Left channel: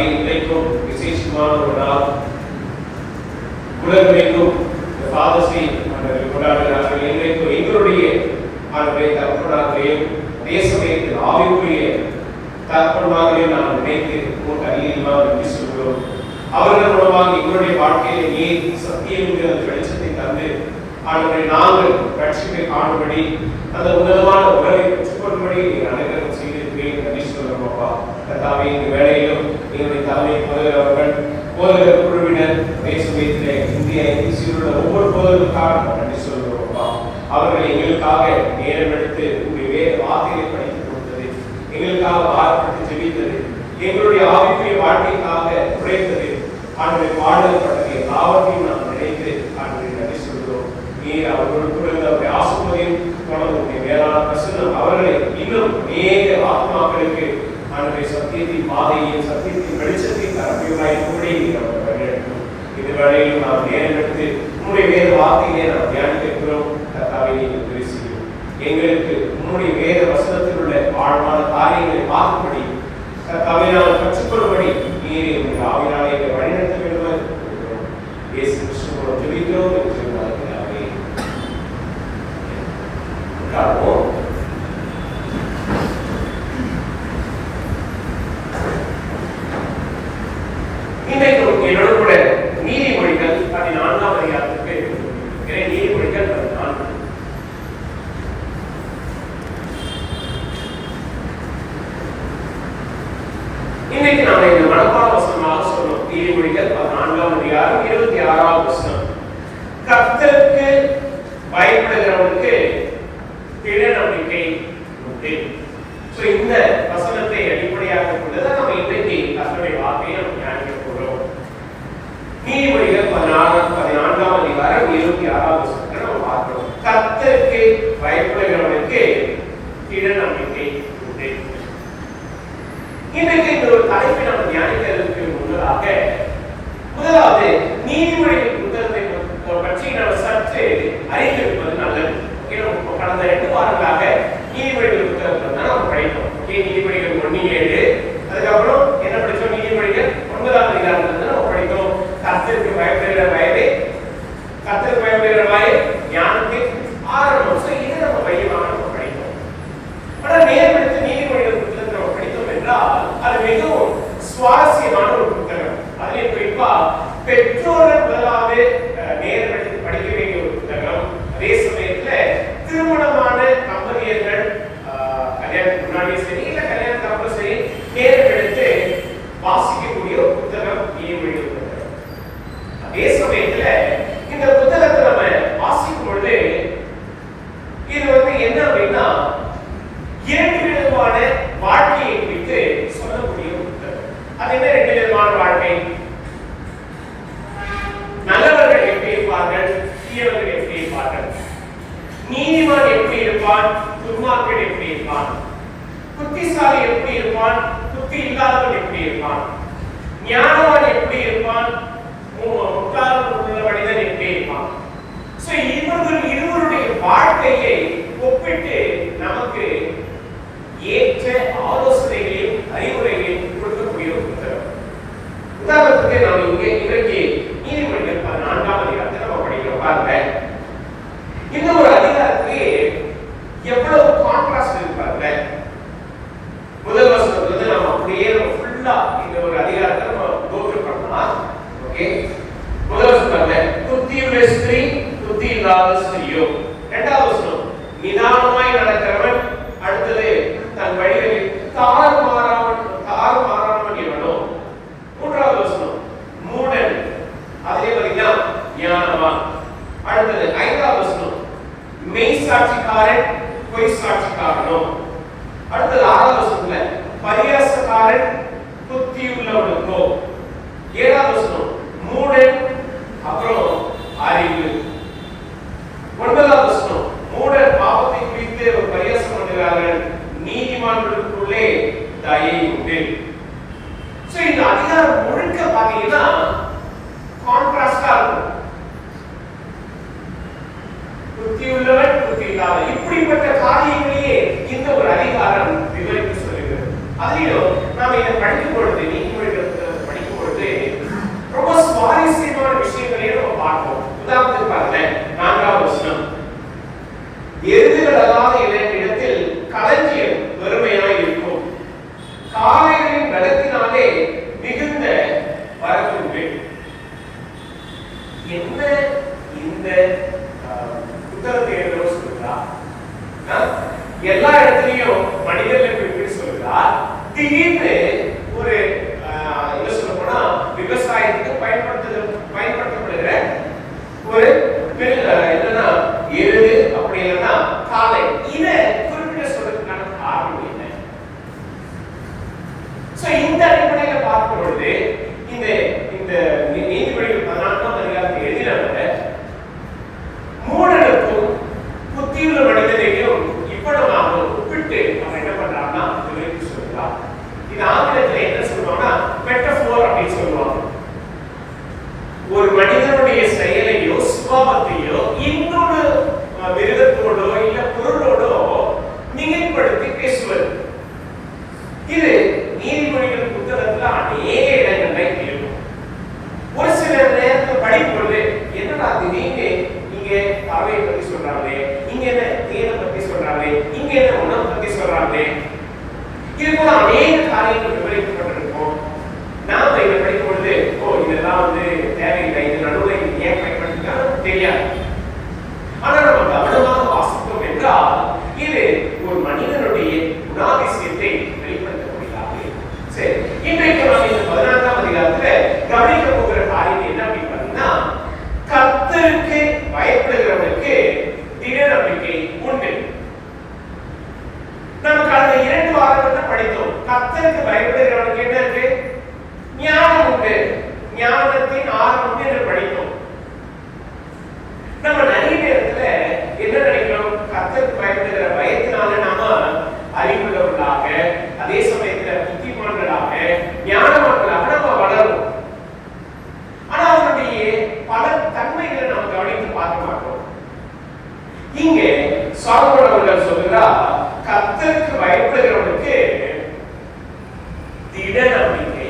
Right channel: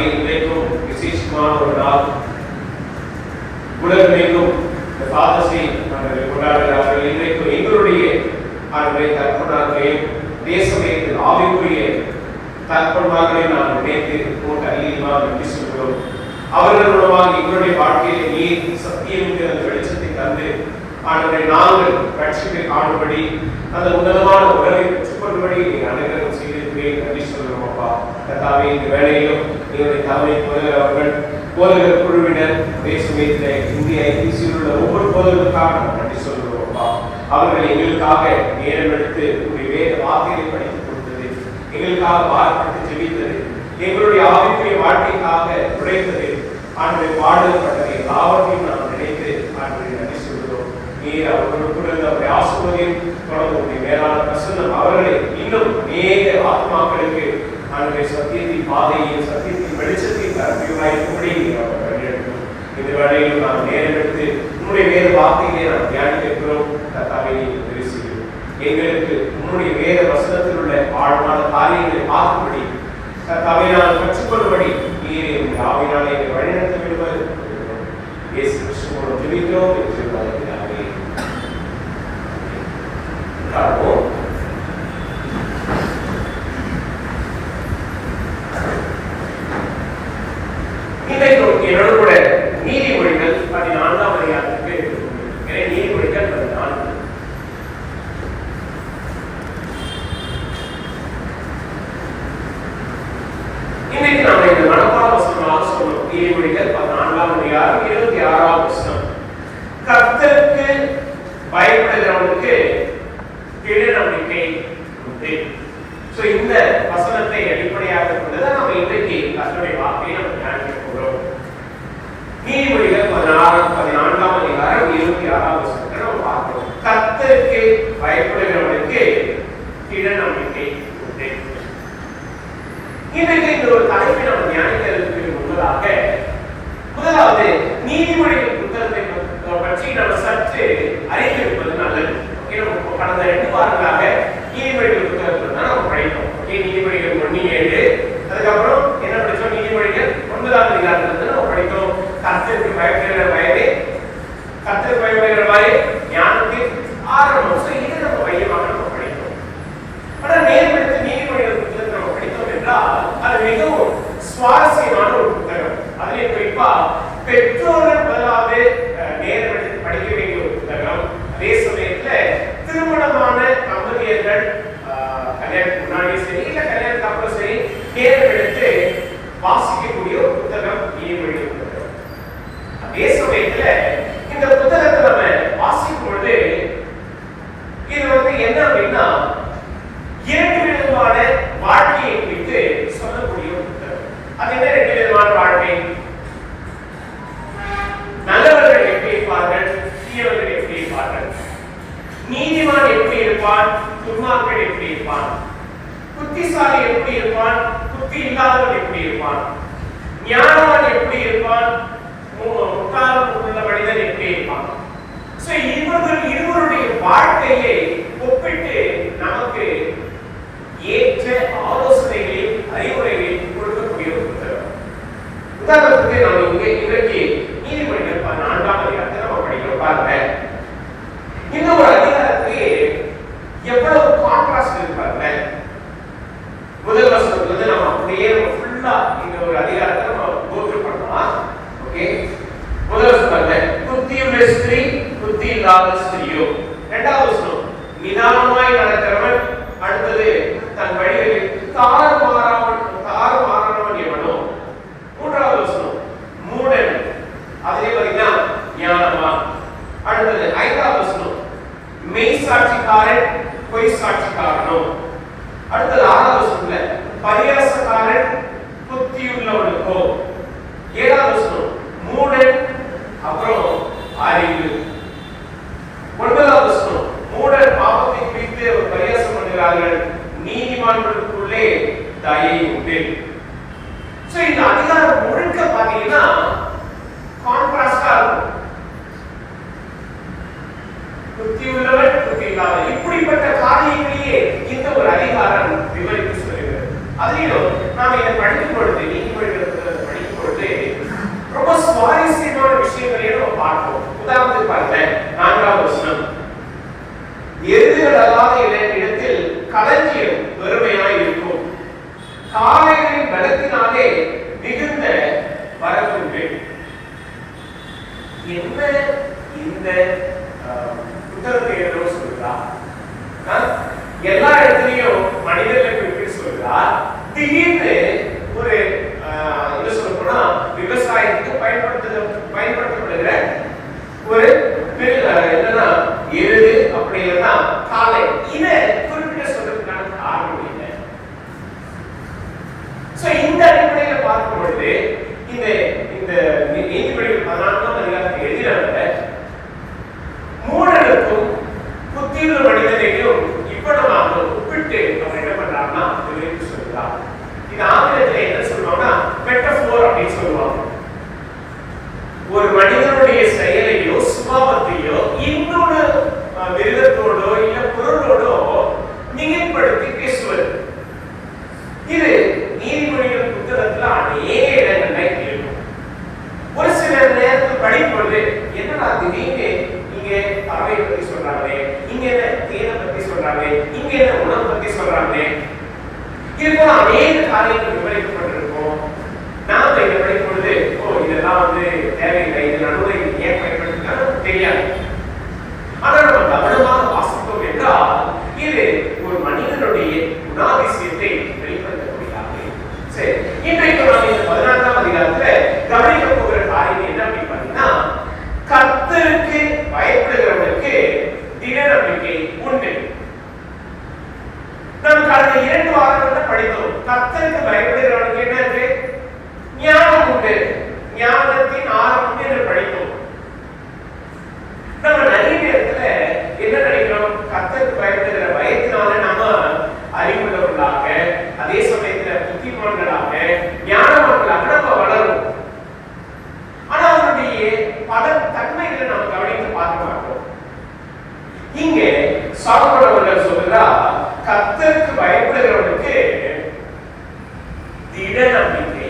கர்த்தாவே, இன்றைக்கும் விசேஷமான ஒரு நாள். உலகமெங்கும் இந்த ஃபாதர்ஸ் டே கொண்டாடுகிறார்கள். இன்றைக்கும் எங்களுடைய தகப்பனார்களையும் தேசமயத்தில் ஆவிக்குரிய தகப்பன்மார்களை நான் நினைத்து அதிகமாக நன்றி சொல்கிறோம். அவர்கள் மூலமாக எங்களுடைய வாழ்க்கையில நீர் சத்தியம் என்கிற வெளிச்சத்தை தந்து ஆண்டவரை நாங்கள் ரட்சிப்பை காணும்படி அந்த உன்னதமான உறவை பெற்றுக்கொள்ளும்படி அனைவரும் செய்திருக்கிறேன். நன்றி சொல்கிறோம் அப்பா. கர்த்தாவே, இந்த வேளையிலும் எங்களுடைய தலைமை போதகர் அவர்கள், போதகர் குழுவினர், தேசமயத்திலே இந்திய உள்ள ஒவ்வொரு போதகர்களுக்காக நன்றி சொல்கிறோம் அப்பா. அவர்கள் எங்களுக்காக நேரம் எடுத்து வேறு வார்த்தைகளை படித்துக் கொடுத்தது, எங்களுக்காக வார்த்தை ஜெபித்தது, எங்களுடைய ஆவிக்குரிய வாழ்க்கைக்காக உழைத்தது, ஆண்டவரை பாடல்பட்டது எல்லாவற்றையும் நாம் நினைத்து ஆண்டவரை நன்றி சொல்கிறோம். நீர் அவர்களுக்கு அவருடைய ஆசீர்வாதம் தொடர்ந்து மேலான பிரசன்னம் அவர்களை இன்னும் நேர ஆத்மாக்களுக்கு ஆண்டவரை சத்தியத்தின் பாதையில் சத்தியத்தின் வெளிச்சத்தின் தரப்பியுமாய் கூட அவர் வழிநடத்தும். இந்த வேளையில் நாம் நேரம் எடுத்து உன்னுடைய வேத வார்த்தையிலே நாம் தியானிக்கிறோம். கர்த்தாவே, உதவி செய்யும். எங்களுக்கு உன்னுடைய வேத வசனத்தில் உள்ள ஆழமான காரியங்களை பார்க்கும்படி, கர்த்தாவே, நான் கற்றுக்கொள்ளும்படி நீர் எங்களுடைய ஆவியாலே எங்களை வழிநடத்த வேண்டும் என்று இயேசு கிறிஸ்துவோடு ஜெபிக்கிறோம். என்னோட கூட நீதிமொழிகள் 14ஆம் அதிகாரத்துக்கு நீதிமொழிகள் 14. இன்னைக்கு நாம இந்த மனப்பாட வசனமாக சொன்னோம். நீதிமொழிகள் 14ஆம் அதிகாரம் 26ஆம் வசனம். கர்த்தருக்கு பயப்படுகிறவனுக்கு திட நம்பிக்கை உண்டு. சோ இந்த வசனத்தை அடிப்படையாக கொண்டுதான் நம்ம இன்றைக்கு கர்த்தருடைய வார்த்தையை நம்ம தியானிக்க போறோம். நீதிமொழிகள் 14ஆம் அதிகாரம் 26ஆம் வசனத்தை நம்ம பார்க்கிறோம். கர்த்தருக்கு பயப்படுகிறவனுக்கு திட நம்பிக்கை உண்டு. இன்றைக்கு இந்த ஒரு தலைப்பை நம்ம தியானிக்கிறதுக்கு முன்னதாக முதலாவது நீதிமொழிகள் புத்தகத்தை பற்றி நம்ம சற்று அறிந்திருப்பது நல்லது. கடந்த 2 வாரங்களாக நீதிமொழிகள் புத்தகத்தை தான் நம்ம படித்தோம். நீதிமொழிகள் 1:7, அதுக்கப்புறம் என்ன படிச்சோம்? நீதிமொழிகள் 9ஆம் அதிகாரத்துல நம்ம படித்தோம். கர்த்தருக்கு பயப்படுகிற வயதே, கர்த்தருக்கு பயப்படுகிற வயது ஞானத்தின் ஆரம்பம். சோ இது நம்ம மையமாக நம்ம படித்தோம். ஆனா நேர்மைக்கு நீதிமொழிகள் புத்தகத்தை நம்ம படித்தோம் என்றால் அது மிகவும் சுவாரஸ்யமான ஒரு புத்தகம். அதிலே குறிப்பா பெற்றோர்கள் முதலாவது நேரம் எடுத்து படிக்க வேண்டிய ஒரு புத்தகம். அதே சமயத்துல திருமணமான தம்பதியர்கள் கல்யாணத்துக்கு முன்னாடியே சரி இல்ல கல்யாணத்துக்கு அப்புறம் சரி நேரம் எடுத்து வாசிக்கக்கூடிய ஒரு புத்தகம் நீதிமொழிகள் புத்தகம். அதே சமயத்துல இந்த புத்தகத்தை நம்ம வாசிக்கும் பொழுது இது என்ன அப்படின்னா 2 விதமான வாழ்க்கையை குறித்து சொல்லக்கூடிய ஒரு புத்தகம். அது என்ன 2 விதமான வாழ்க்கை? நல்லவர்கள் எப்படி இருப்பார்கள், தீயவர்கள் எப்படி இருப்பார்கள், நீதிமான் எப்படி இருப்பான், துன்மார்க்கன் எப்படி இருப்பான், புத்திசாலி எப்படி இருப்பான், புத்தி இல்லாதவன் எப்படி இருப்பான், ஞானவான் எப்படி இருப்பான், முட்டாள் உள்ள மனிதன் எப்படி இருப்பான். சோ இவர்கள் இருவருடைய வாழ்க்கையை ஒப்பிட்டு நமக்கு ஏற்ற ஆலோசனைகளையும் அறிவுரைகளையும் கொடுக்கக்கூடிய ஒரு புத்தகம். உதாரணத்துக்கு நம்ம இன்றைக்கு நீதிமொழிகள் 14ஆம் அதிகாரத்தை நம்ம படிக்கிறோம். பாருங்க, இந்த ஒரு அதிகாரத்துக்கு எவ்வளவு கான்ட்ராஸ்ட் இருக்கு பாருங்க. முதல் வசனத்துல நம்ம அப்படியே ஃபுல்லா இந்த ஒரு அதிகாரத்தை நம்ம கோத்ரூ பண்ணலாம். ஓகே, முதல் வசனம் புத்தியுள்ள ஸ்திரீ புத்தி இல்லாத ஸ்திரியோ. இரண்டாவது வசனம் நிதானமாய் நடக்கிறவன், அடுத்தது தன் வழிகளில் தாறுமாறானவன் எவனோ. மூன்றாவது வசனம் மூடன், அதிலே பாத்தீங்கன்னா ஞானவான். அடுத்தது 5வது வசனம் மெய் சாட்சிக்காரன் பொய் சாட்சிக்காரனோ. அடுத்தது 6வது வசனத்துல பரியாசக்காரன் புத்தியுள்ளவனுக்கோ. 7வது வசனம் மூடன், அப்புறம் அறிவு. 9வது வசனம் மூடன் பாவத்தை குறித்து பரியாசம் பண்ணுகிறார்கள், நீதிமான்களுக்குள்ளே தயை உண்டு. சோ இந்த அதிகாரம் முழுக்க பாத்தீங்கன்னா கான்ட்ராஸ்டா இருக்கும். புத்தி உள்ளவன் புத்தி இல்லாதவன் இப்படிப்பட்ட காரியங்களையே இந்த ஒரு அதிகாரம் விவரித்து சொல்லுகிறது. அதிலும் நாம இதை படிக்கும் பொழுது நீதிமொழிகள் எல்லா இடத்துலயும் மனிதர்களுக்கு எப்படி சொல்கிறார், திடீர்னு ஒரு என்ன சொல்ல போனா விவசாயத்துக்கு பயன்படுத்தப்படுகிற ஒரு என்னன்னா எருது அப்படி இல்லைன்னா காளை, இதை குறிப்பிட்ட சொல்றதுக்கான காரணம் என்ன? இந்த அடிப்படையில் பார்க்கும் பொழுது இந்த இந்த நீதிபதிகள் 14ஆம் அதிகாரத்தை எழுதினவங்க மூடனுக்கும் புத்தியுள்ள மனிதனையும் இவ்வளவாக ஒப்பிட்டு அவர் என்ன பண்றாங்கன்னா விவரித்து சொல்கிறார். இது ஆங்கிலத்தில் என்ன சொல்லுவாங்கன்னா மெட்டபோர் அப்படின்னு சொல்லுவாங்க. ஒரு மனிதனுடைய செயலையோ சுபாவத்தையோ இன்னொரு மிருகத்தோடோ இல்ல பொருளோடோ மிகைப்படுத்தி பேசுவது. இது நீதிமொழிகள் புத்தகத்துல அநேக இடங்கள்ல இருக்கும். ஒரு சில நேரத்தில் படிப்பொழுது என்னடா திடீர்னு இங்க பறவை பத்தி சொல்றாங்களே, இங்க என்ன தேனை பத்தி சொல்றாங்களே, இங்க என்ன உணவு பத்தி சொல்றாங்களே, இது போல அநேக காரியங்கள் விவரிக்கப்பட்டிருக்கும். நாம இதை படிக்கும் பொழுது இதெல்லாம் தேவையில்லை, இது நடுவில் ஏன் பயன்படுத்தினாலும் தெரியாது. ஆனா நம்ம கவனமாக வாசிப்போம் என்றால் இது ஒரு மனிதனுடைய குணாதிசயத்தை வெளிப்படுத்தக்கூடியதாக. சரி, இன்றைக்கு நாம் இந்த 14ஆம் அதிகாரத்துல கவனிக்க போகிற காரியம் என்ன அப்படின்னு பார்த்தீங்கன்னா, கர்த்தருக்கு பயப்படுகிறவனுக்கு திட நம்பிக்கை உண்டு. நம்ம கடந்த 2 வாரங்கள்ல படித்தோம். கர்த்தருக்கு பயப்படுகிறவனுக்கு என்ன இருக்கு? ஞானம் உண்டு, ஞானத்தின் ஆரம்பம் என்று படித்தோம். நம்ம நிறைய நேரத்துல என்ன நினைக்கிறோம், கர்த்தருக்கு பயப்படுகிற பயத்தினால நாம அறிவுள்ளவர்களாக, அதே சமயத்துல புத்திமான்களாக, ஞானவான்களாக நம்ம வளரும். ஆனா அவருடைய பல தன்மைகளை நம்ம கவனித்து பார்க்க மாட்டோம். இங்கே சாலமோன் அவர்கள் சொல்றார், கர்த்தருக்கு பயப்படுகிறவனுக்கு திட நம்பிக்கை.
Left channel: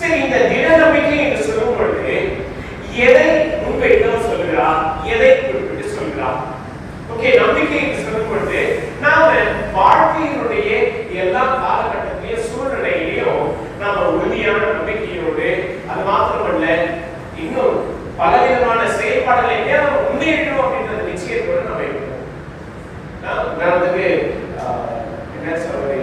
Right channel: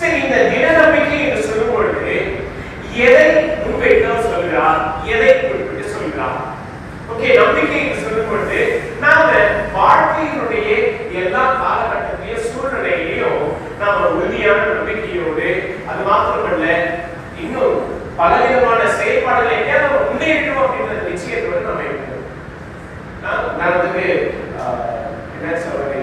சரி, இந்த திட நம்பிக்கை என்று சொல்லும் பொழுது எதை முன்வைத்து சொல்கிறார், எதை குறிப்பிட்டு சொல்கிறார்? ஓகே, நம்பிக்கை என்று சொல்லும் பொழுது நாம வாழ்க்கையினுடைய எல்லா காலகட்டத்திலையும் சூழ்நிலையிலையும் நாம உறுதியான நம்பிக்கையோடு, அது மாத்திரமல்ல இன்னும் பலவிதமான செயல்பாடுகளை நம்ம முன்னேற்றோம் அப்படின்ற நிச்சயத்தோடு நம்ம இருக்கோம். உதாரணத்துக்கு என்ன சொல்றது,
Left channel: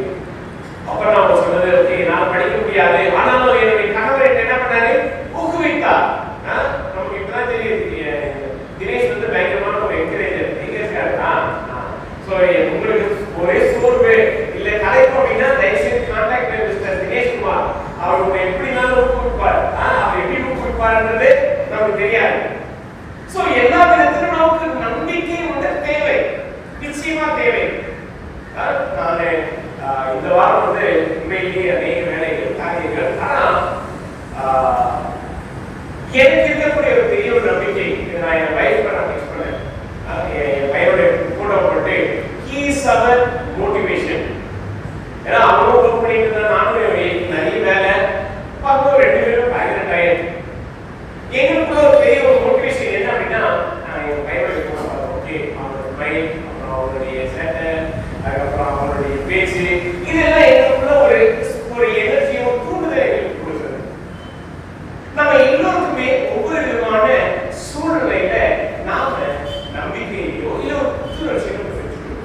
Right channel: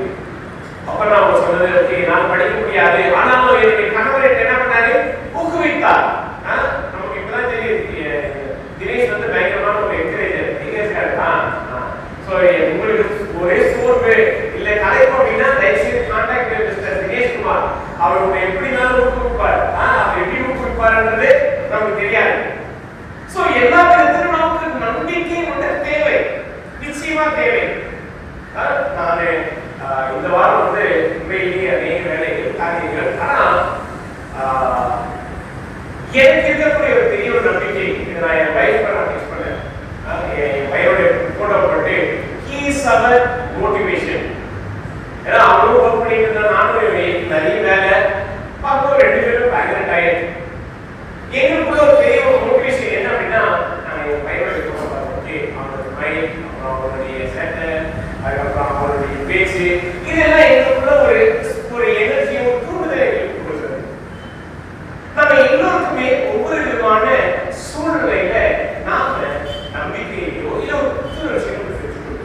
அப்ப நான் சொன்னது ஓகே நான் படிக்க முடியாது, ஆனாலும் என்னுடைய கணவர் என்ன பண்ணாரு, ஊக்குவித்தார். நமக்கு இப்பதான் தெரியும் தினேஷ் பயங்கரமான ஒரு என்கரேஜர். நீங்க உங்களுக்கு ஒரே சோர்வு இல்ல கலைப்பு அப்படின்னா தயவுசெய்து கான்டாக்ட் மிஸ்டர் தினேஷ் குமார். அவர் உங்களை எப்படினாலும் ஊக்குவிப்பார். அவர் எப்படி ஊக்குவிப்பார்ன்றது நமக்கு தெரியாது. சோ எல்லா விதத்திலும் நமக்கு நம்பிக்கை தேவை, நிச்சயமா தேவை. நான் இந்த வாரம் உண்மையிலேயே அநேக வேலைகள் காரியங்கள், ஆனா எனக்கு இருக்கக்கூடிய ஒரு பெரிய ஒரு நம்பிக்கை, நான் என் வைஃப் நான் டெக்ஸ்ட் பண்ணேன், என் பையனுடைய போட்டோ போட்டு he is our motivation. ஏன்னா அவனும் ஒர்க் பண்ணிட்டு இருந்தா, நானும் நிறைய வேலை பார்க்கும், 2 பேரும் பேக்ரவுண்ட் ஆயிடுச்சு. எங்களுக்குள்ள ஒரு பெரிய ஒரு மோட்டிவேஷன் என்ன அப்படின்னா, என் பையனுடைய போட்டோ பார்த்தோம், ஓகே அவனுடைய மைண்ட், அப்புறம் அவனுடைய சேட்டை, அதுக்கப்புறம் அவனுடைய பேச்சு, இதெல்லாம் எங்களுக்குள்ள ஒரு எனர்ஜியும் தூண்டுதலை எங்களுக்கு கொடுக்குது. நம்ம எல்லோருக்குமே ஒவ்வொரு விதமான சூழ்நிலையில நாம நம்பிக்கையோ இல்ல ஒரு புத்துணர்ச்சியோ பெற்றுக்கொள்கிறோம்.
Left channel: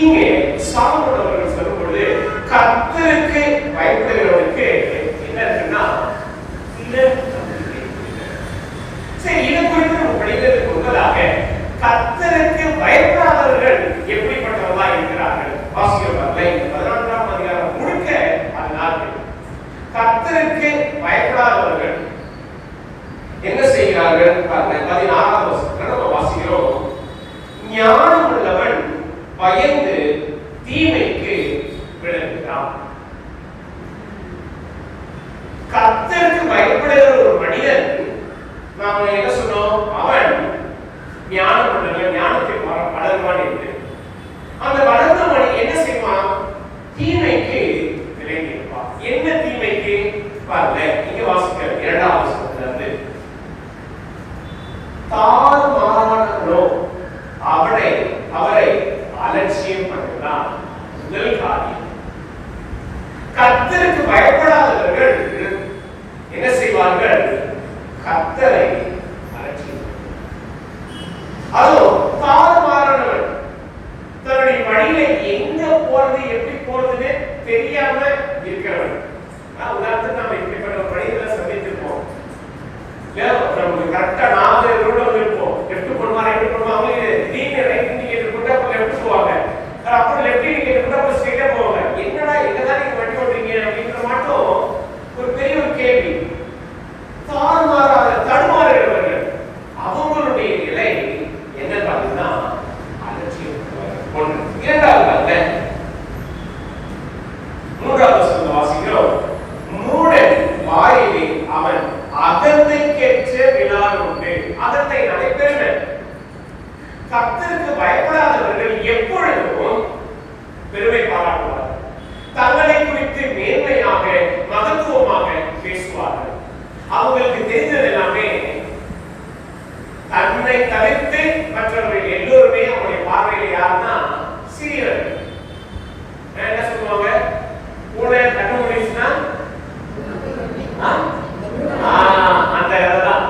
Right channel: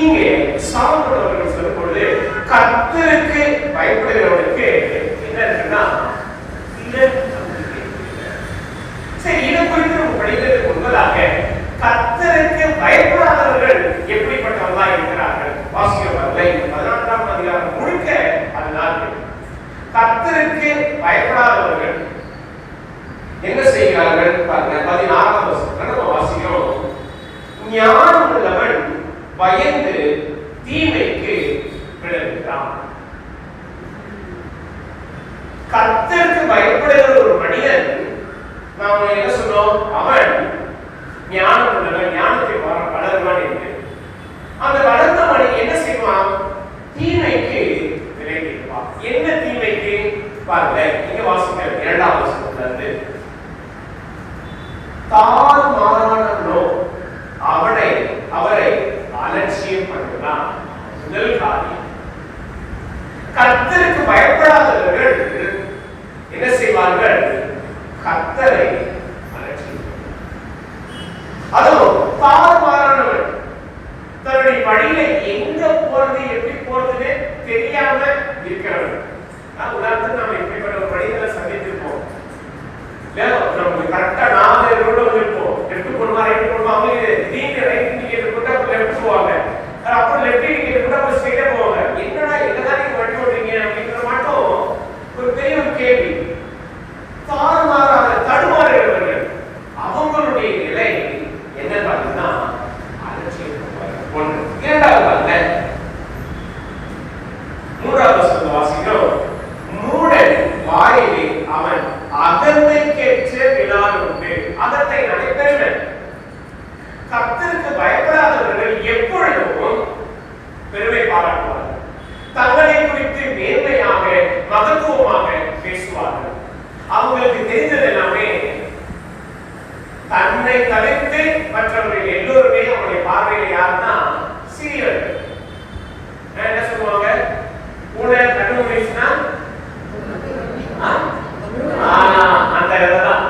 இங்கே சாலமோன் அவர்கள் சொல்லும் பொழுது கர்த்தருக்கு பயப்படுகிறவனுக்கு என்ன இருக்குன்னா திட நம்பிக்கை. சரி, இது குறித்து நம்ம படிக்கிறதுக்கு முன்பதாக கர்த்தருக்கு பயப்படாதவர்கள் எப்படிப்பட்டவர்களா இருக்கிறார்கள் வாசிக்கிறவர்களை 14ஆம் அதிகாரம் முழுக்க அதனால் கர்த்தருக்கு பயப்படாதவர்கள் என்ன செய்கிறார்கள் பாருங்க. 16ஆம் வசனத்துல நம்ம வாசிக்கிறோம், ஞானம் உள்ளவன் பயந்து தீமைக்கு விலகுகிறான். கர்த்தருக்கு பயப்படுகிற ஒரு மனிதன், நாம என்ன சொன்னோம், அவன் ஞானம் உள்ளவன், ஞானத்தை வளருவான் என்று. அந்த வளர்ந்த மனிதன் என்ன செய்வான், தீமைக்கு விலகி இருப்பான். என்ன தீமைக்கு பாருங்க, இங்க வாசிக்க 2ஆம் வசனத்துல இருந்து, தாறுமாறானவனோ அவரை அலட்சியம் பண்ணுகிறான். முதல் காரியம், கர்த்தருக்கு பயப்படாதவர்கள் என்ன செய்வார்கள், கர்த்தரை அலட்சியம். அதுவும் தாறுமாறானவன் லெஃப்ட் போவாங்க. அப்புறம் லெஃப்ட் இண்டிகேட்டர் அப்புறம் ஸ்ட்ரைட்டா போவாங்க. என்னடா எங்கதான் நீங்க வண்டி ஓட்டுறீங்க அப்படின்றது மட்டும் ஒரு பெரிய ஒரு கேள்வி. தாறுமாறாக தடுமாறுகிறவர்கள் அவங்களுடைய நிலை என்ன பார்த்தீங்கன்னா அலட்சியப்படுவார்கள். ஒன்று. இரண்டாவது பாருங்க, மூன்றாவது வசனத்தை வாசிக்கிறோம். மூடன் வாயிலே அவன் அகந்தைக்கேற்ற விழான் உண்டு. அகந்தை நடைபெறும். கர்த்தருக்கு பயப்படாதவர்கள் எப்பொழுதும் பெருமை பாராட்டுவார்கள். தங்களை குறித்து மேன்மையாக மகத்துவமாக பேசுவார்கள். அவங்களுக்கு தெரிந்தது எல்லாமே தன்னை தவிர்த்து மற்றவர்கள் எல்லோருமே அவருடைய பார்வையில் யாருன்னா சிறியவர்கள். என்ன சொல்லுவாங்க? பூனை கண்ணு முடிச்சுன்னா அந்த இடம்தான்.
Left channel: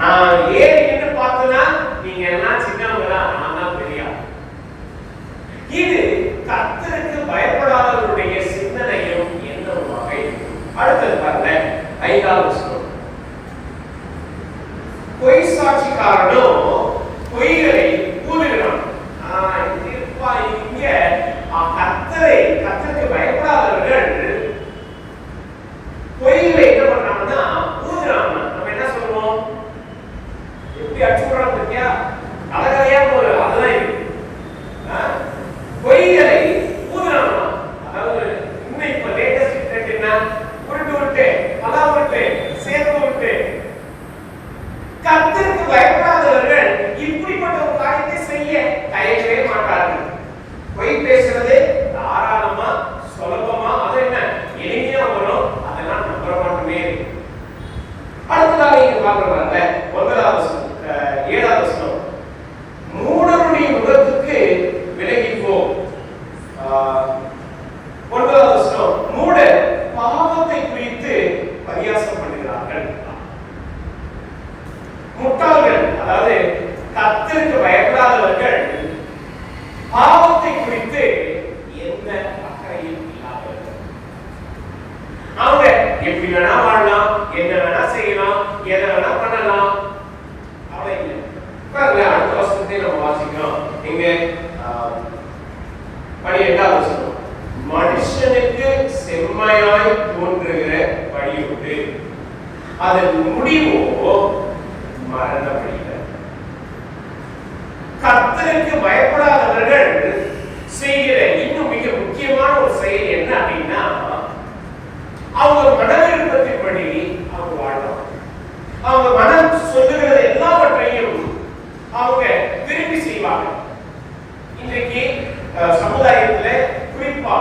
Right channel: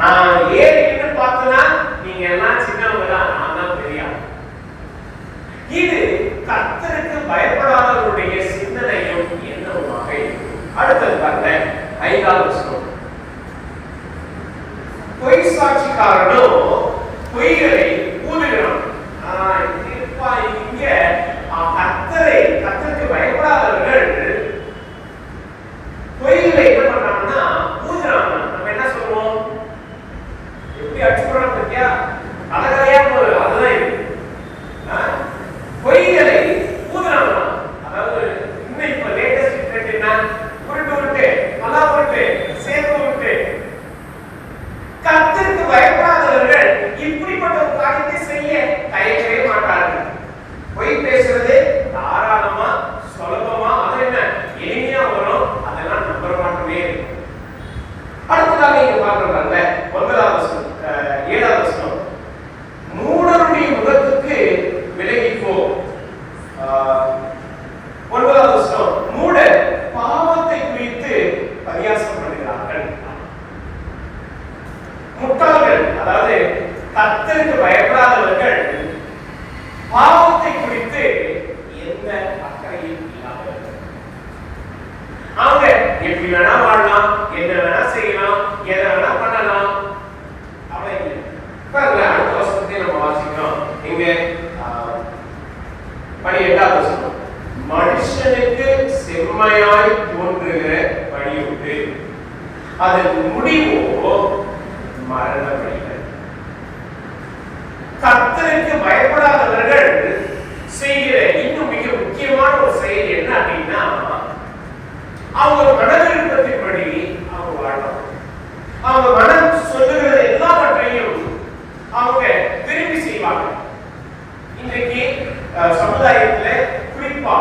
நான் ஏறி நின்று பார்த்தனா நீங்க எல்லாம் சின்னவங்க தான், நான் தான் பெரியா. இது கர்த்தருக்கு பயப்படாதவருடைய சிந்தனையும் எண்ணமாக. அடுத்தது பாருங்க, 5வது வசனம். பொய் சாட்சிக்காரனும் பொய்களை ஊதுகிறான். இங்க கர்த்தருக்கு பயப்படாதவர்கள் பொய்களை என்ன பண்றாங்கன்னா ஊதுறாங்க. நம்ம என்ன சொல்லுவோம்? எப்படி அடிச்சு போறாங்க பத்தியா? கலகலையா போகுது. அதுதான் இது. பொய்களை ஊதுறாங்க. அதாவது இன்னும் இப்ப லேட்டஸ்ட் ட்ரெண்ட் என்ன? உருட்டு உருட்டு, பலா உருட்டு, சேர்த்து உருட்டு. கர்த்தருக்கு பயப்படாதவர்கள் இப்படிப்பட்ட ஒரு காரியத்தை செய்ய தயங்கவே மாட்டார்கள். பொய் பேசுறது தாராளமா சுலபமா, அது என்ன எளிமையா வரும். அதெல்லாம் நம்புற மாட்டோமே. அடுத்ததாக இங்க பாக்குறாங்க 9வது வசனம், 7வது வசனம். மூடருடைய முகத்துக்கு விலகி போ. 9வது வசனம். மூடர் பாவத்தை குறித்து பரியாசம் பண்ணுகிறார்கள். முட்டாள்கள், அதாவது கர்த்தருக்கு பயப்படாதவர்கள் பாவத்தை குறித்து எந்த அக்கறையும் இல்லாதவர்கள். அவங்க எப்படி வேணா வாழலாம், என்ன வேணா செய்யலாம், எதை வேணா பண்ணலாம், அவ்வளவு இல்லை. அடுத்த வசனத்தை நம்ம வாசிக்கிறோம். இங்க 18வது வசனம். மனுஷனுக்கு செம்மையாய் தோன்றுகிற வழி உண்டு, அதன் முடிவோ மரண வழிகள். கர்த்தருக்கு பயப்படாதவர்கள் செய்கிற இன்னும் மிக முக்கியமான ஒரு செயல் என்ன அப்படின்னா, அவங்க மன விருப்பத்தின்படி அவங்க வாழலாம். அவங்க மனம் சொல்லுகிற எல்லாவற்றையும் அவங்க விரும்பி செய்வாங்க. இன்றைக்கு சமுதாயத்துல குறிப்பா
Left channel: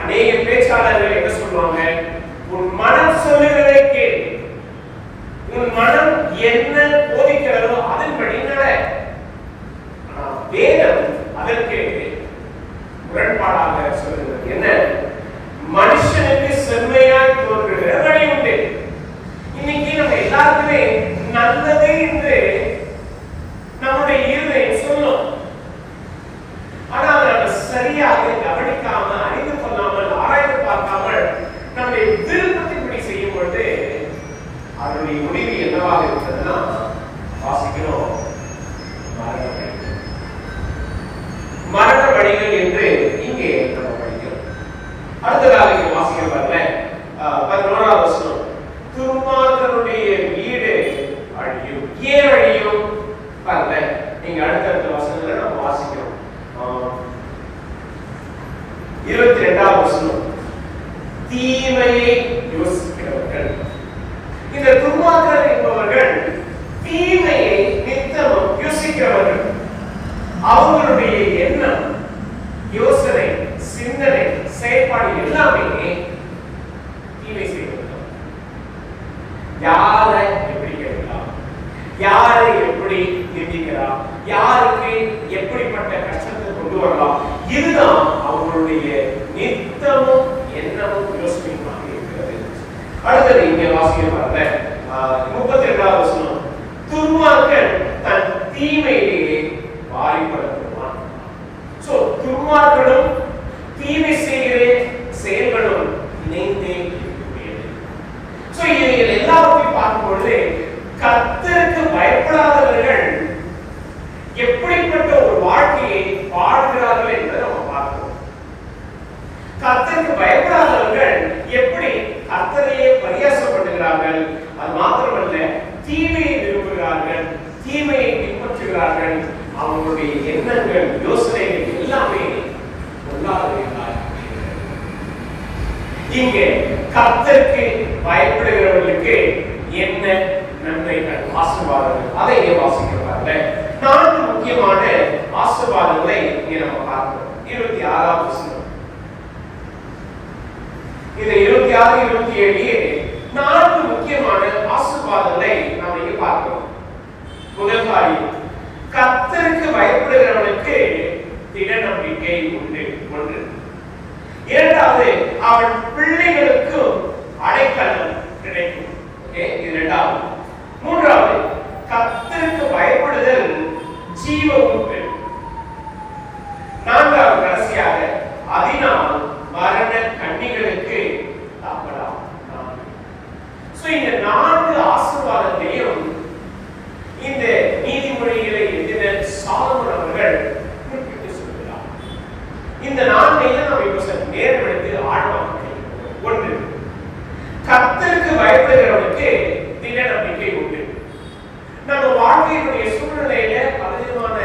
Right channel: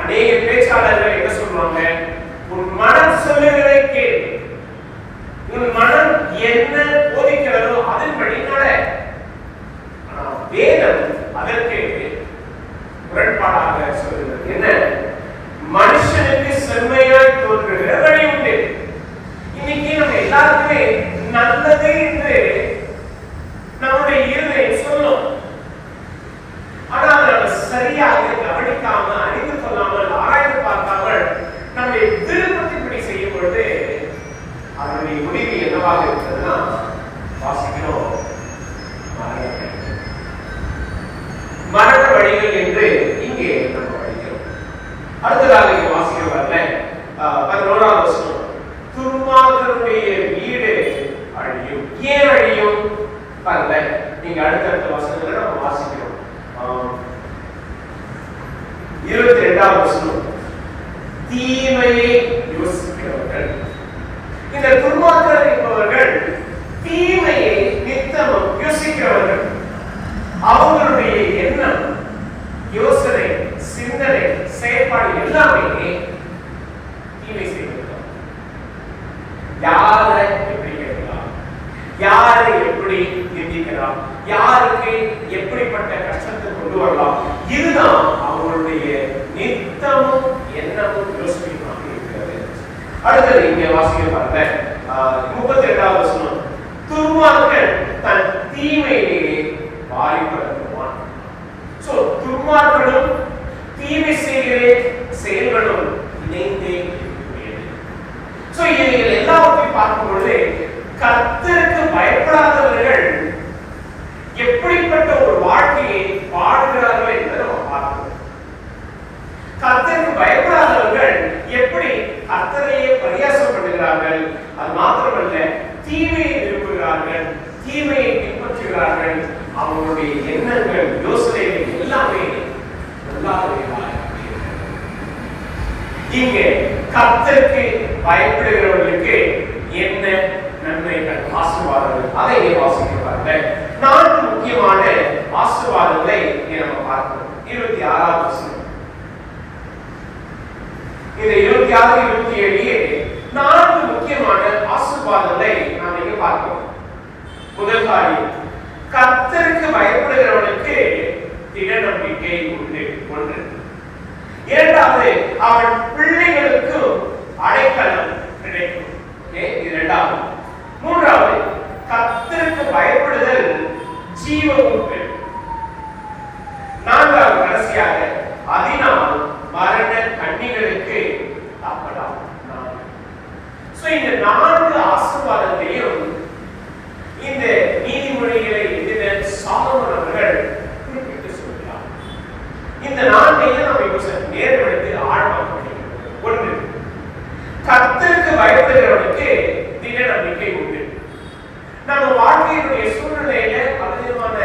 அநேக பேச்சாளர்கள் என்ன சொல்லுவாங்க? உன் மனம் சொல்லுகிறதை கேள், உன் மனம் என்ன போதிக்கிறதோ அதன்படி நட. வேதம் அதற்கு முரண்பாடாக சொல்லுகிறது. என்ன? மனுஷனுக்கு செம்மையாய் தோன்றுகிற வழி உண்டு. இன்னைக்கு நம்ம எல்லாருக்குமே நல்லது என்று நம்முடைய இருதயம் சொல்லும். ஆனால் நம்ம சரியாக கவனிக்காம, அறிந்து கொள்ளாமல், ஆராய்ந்து பார்க்காமல் நம்முடைய விருப்பத்தின்படி செய்யும் பொழுது அதனுடைய முடிவு என்னவாக இருக்கிறதுனா வாசிக்கிறோம், மரண வழிகள் என்று இங்கே நம்ம படிக்கிறோம். அடுத்ததாக இங்க வாசிக்கிறோம் பாருங்க, 11வது வசனம். துன்மார்க்கனுடைய வீடு அழியும். ஏன் அழியும் பாருங்க. நீங்க அடுத்தடுத்த வசனங்களை நம்ம வாசிக்கிறோம். 22வது வசனம். தீமையை யோசிக்கிறவர்கள். இந்த துன்மார்க்கர் என்பவர்கள் தீமையை நித்தமும் யோசிக்கிறவர்கள். அவங்களுடைய எண்ணம், யோசனை, சிந்தனை, செயல்பாடு எல்லாமே தீமை செய்யலாம். யாரை எப்படி கேட்கலாம், யாரை எப்படி நிந்திக்கலாம், யாருக்கு எப்படிப்பட்ட கஷ்டத்தை கொண்டு வரலாம், இதுதான் அவங்களுடைய நித்தமும் எண்ணமும் யோசனையுமாக இருக்கிறது. அடுத்தது இங்கே வாசிக்க பாருங்க, 32வது வசனம். துன்மார்க்கன் தன் தீமையிலேயே வாரிப்படுத்துவான். சோ துன்மார்க்கனும் தீமை செய்கிற செயல்களும் இணைந்தே இருக்கிறது. சோ இவைகள் எல்லாவற்றையும் பார்க்கும் பொழுது கர்த்தருக்கு பயப்படாதவர்கள் எப்படி எப்படிப்பட்ட ஒரு வாழ்க்கையை வாழ்கிறார்கள் என்பதை நம்ம பார்க்கிறோம். கர்த்தருக்கு பயப்படாதவர்கள் எப்படி கர்த்தரையே பரியாசம் பண்ணுகிறார்கள், அது மாத்திரமல்ல தீமையை விரும்புகிறார்கள், தீமையை பின்பற்றுகிறார்கள். அவங்களுடைய எண்ணங்கள், யோசனைகள் எல்லாமே இங்கே கர்த்தருக்கு பயப்படுகிறவர்களுக்கு என்ன நன்மைகள், ஆசீர்வாதங்கள், அதை வாசிக்கிறார்கள். 4 முக்கியமான ஆசீர்வாதங்களை நம்ம பார்க்கிறோம். 26வது வசனம். இந்த 26, 27 4 முக்கியமான ஆசீர்வாதங்களை நாம் இங்கே பார்க்கிறோம். முதல் காரியம், கர்த்தருக்கு பயப்படுகிறவனுக்கு திட நம்பிக்கை உண்டு. 1. இரண்டாவது, அவன் பிள்ளைகளுக்கு அடைக்கலம் கிடைக்கும். இது 2வது. 3வது, கர்த்தருக்கு பயப்படுதல் ஜீவ உண்டு. 4வது, கடைசியாக, அதனால் மரண கண்ணிகளுக்கு தப்பலாம். இந்த 4 ஆசீர்வாதத்தையும் இந்த நீதிமொழிகளை எழுதின சாலமோன் அவர்கள் குறிப்பிட்டு சொல்கிறார். இந்த 4ஐயும் நாம் இப்ப நேரம் எடுத்து ஆழமாக படிக்கிறோம். 1, கர்த்தருக்கு பயப்படுகிறவனுக்கு திட நம்பிக்கை உண்டு. நம்ம வாழ்க்கையினுடைய சூழ்நிலையில பலவிதமான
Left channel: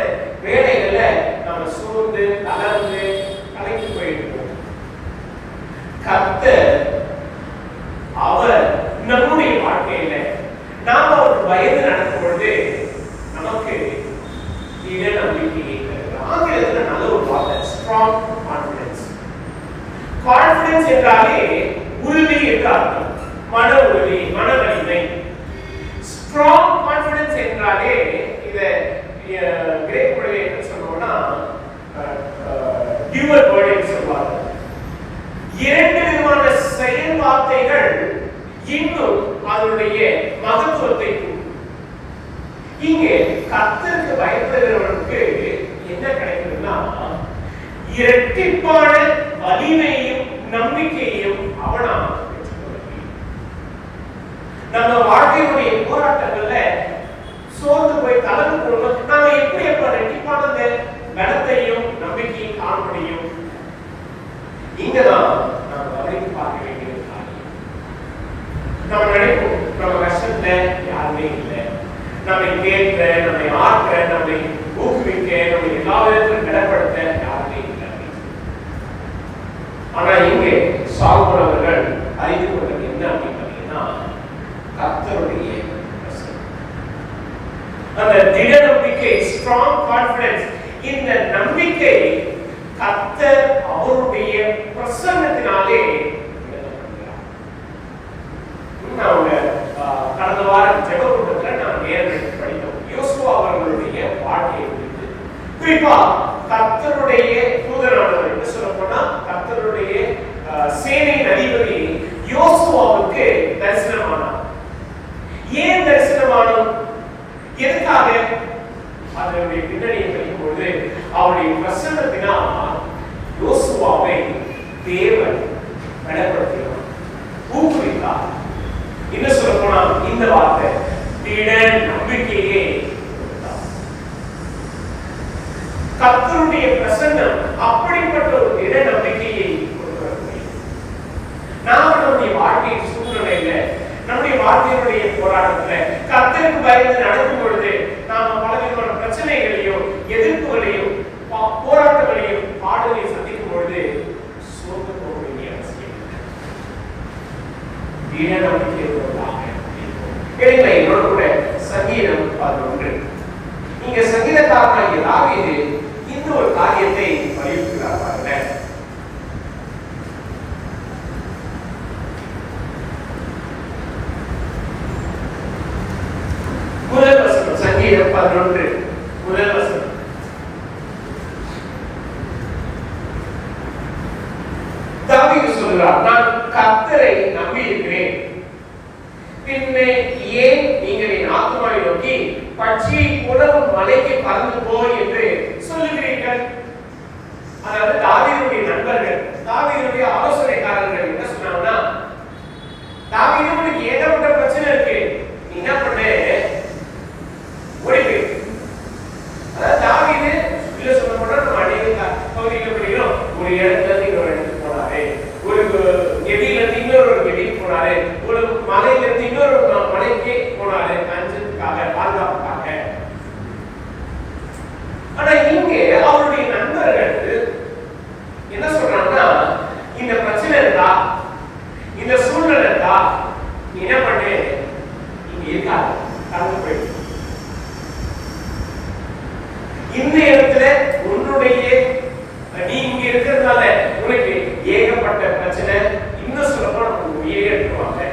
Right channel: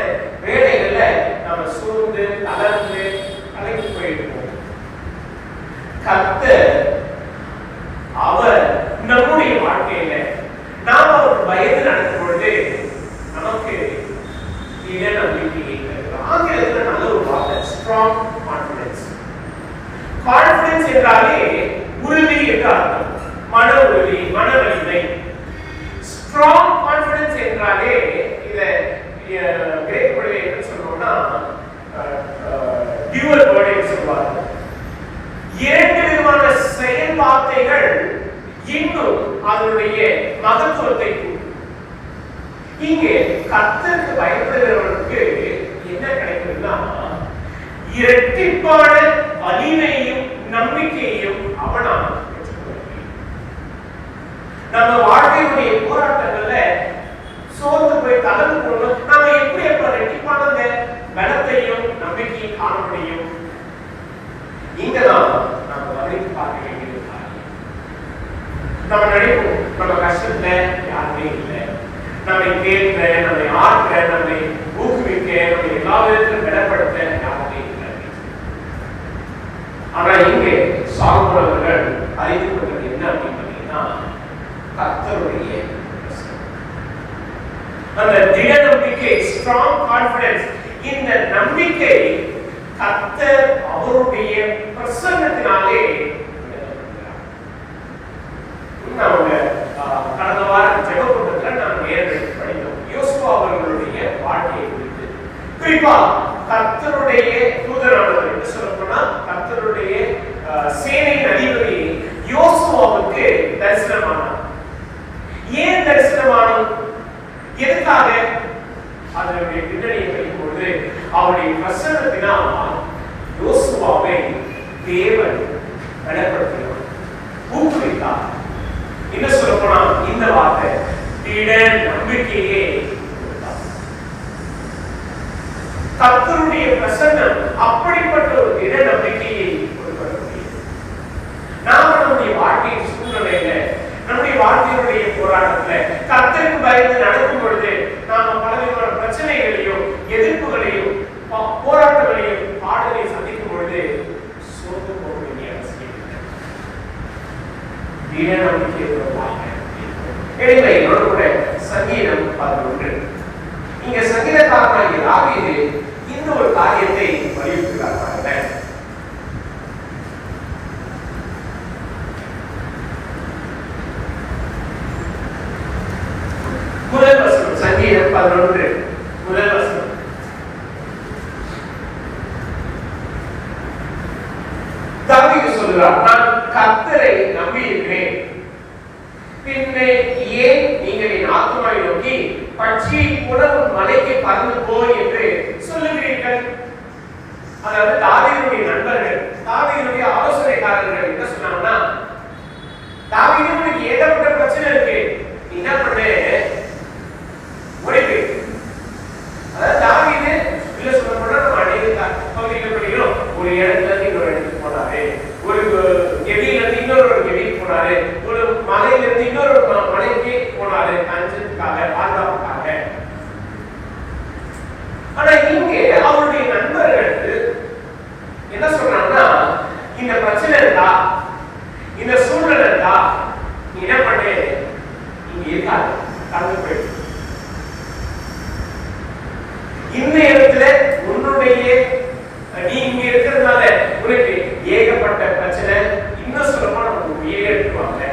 வேலைகள்ல நம்ம சூழ்ந்து தளர்ந்து கலைந்து போயிருக்கோம். கர்த்தர் அவர் நம்முடைய வாழ்க்கையில நாம் அவருக்கு பயந்து நடக்கும் பொழுது நமக்கு திட நம்பிக்கையை தருகிறார். ஆங்கிலத்தில் நல்ல ஒரு வார்த்தை ஸ்ட்ராங் கான்ஃபிடன்ஸ். கான்ஃபிடன்ஸ் என்றாலே உறுதி என்று அர்த்தம். மன உறுதி, மன வலிமை. ஸ்ட்ராங் கான்ஃபிடன்ஸ் என்றாலே இத கிரேக்க மொழியில என்ன சொல்றோம்னா டியூவல் வேர்ட் சொல்வாங்க. 2 விதமான செயல் வார்த்தைகள் இன்னும் அதனுடைய மகத்துவத்தை இங்கே கர்த்தருக்கு பயப்படுகிறவனுக்கு என்ன கிடைக்குதுன்னா இரட்டிப்பான வலிமையையும் நம்பிக்கையையும் அவனால் நம்ம வாழ்க்கையினுடைய போராட்டங்கள்ல சோர்ந்து போய் கலந்து போகணும். நாம எப்படி அப்ப இரட்டிப்பான பலத்தையும் நம்பிக்கையும் காண முடியும்? இங்கதான் நம்ம கவனித்து பார்க்க வேண்டியது. நம்ம நினைப்போம் நம்ம கஷ்டத்துல யாருமே இல்லை, நம்மை கேட்க, நம்மை ஆற்ற, நம்மை ஊக்குவிக்க, நம்மை எல்லா விதத்திலும் பலப்படுத்த யாருமே இல்லை. ஆனா இங்கே சாலமோன் அவர்கள் அறிந்து கொண்டது என்ன அப்படின்னு பார்த்தீங்கன்னா கர்த்தருடைய அந்த திட நம்பிக்கை, ஸ்ட்ராங் கான்ஃபிடன்ஸ். இந்த நம்பிக்கை கர்த்தர் அவருடைய பிரசன்னத்தினாலே கடந்த வாரம் ஜெபக்கூட்டத்தில் நாம் நேரடி படித்தோம். யோசுவா அவர்களுடைய வாழ்க்கையை குறித்து, குறிப்பா கர்த்தருடைய தூதரானவர் என்று சொல்லப்போனா கர்த்தருடைய சேனையின் அதிபதி யோசுவாவுக்கு தரிசனமானார். ஏன் தரிசனமானோம்? எதுக்காக? அதனுடைய பின்னணியை படிக்கும்போது அவருடைய பிரசன்னத்தினால் யோசுவாவை தேவன் பலப்படுத்தினார், ஊக்குவித்தார். என்ன சொல்ல போனா இந்த வார்த்தை திட நம்பிக்கையே. கர்த்தருடைய பிரசன்னம் அப்படிப்பட்ட ஒரு திட நம்பிக்கையை கொடுக்கக்கூடிய நாம நம்முடைய வாழ்க்கையின் சூழ்நிலையில, நம்முடைய வாழ்க்கையினுடைய போராட்டத்துல கர்த்தருக்கு பயந்து நடக்கும் பொழுது நாம பலவிதமான பிரச்சனைகளையும் எதிர்ப்புகளையும் போராட்டங்களையும் பாடலையும் சந்திக்கும் பொழுது சோர்ந்து போக வேண்டிய அவசியம் இல்லை. திட நம்பிக்கை என்னோட கூட சங்கீதம் 11. இங்க சங்கீதக்காரனாகிய தாவீது இந்த ஒரு காரியத்தை வலியுறுத்துகிறார். முதல் வசனம், சங்கீதம் 11 முதல் வசனம். தாவீது சொல்கிறார், நான் கர்த்தரை நம்பி இருக்கிறேன், பின்னே ஏன் நீங்கள் என் ஆத்துமாவை நோக்கி பட்சியை போல மலைக்கு பறந்து போ என்று சொல்லுகிறீர்கள்? ஆனா இங்கே அவருடைய நண்பர்கள் என்ன சொல்றாங்கன்னா, இந்த பிரச்சனை இருந்தா, இந்த சூழ்நிலை இருந்தா, நீ என்ன பண்ணு, இங்க இருக்காது, கடந்து போயிடு. இந்த இடத்துல உன்னுடைய நீ இங்க இருக்கிறதுனால உனக்கு ஏகப்பட்ட பிரச்சனை, இன்னும் சொல்லமா நமக்கு உயிரை எடுத்துருவாங்க,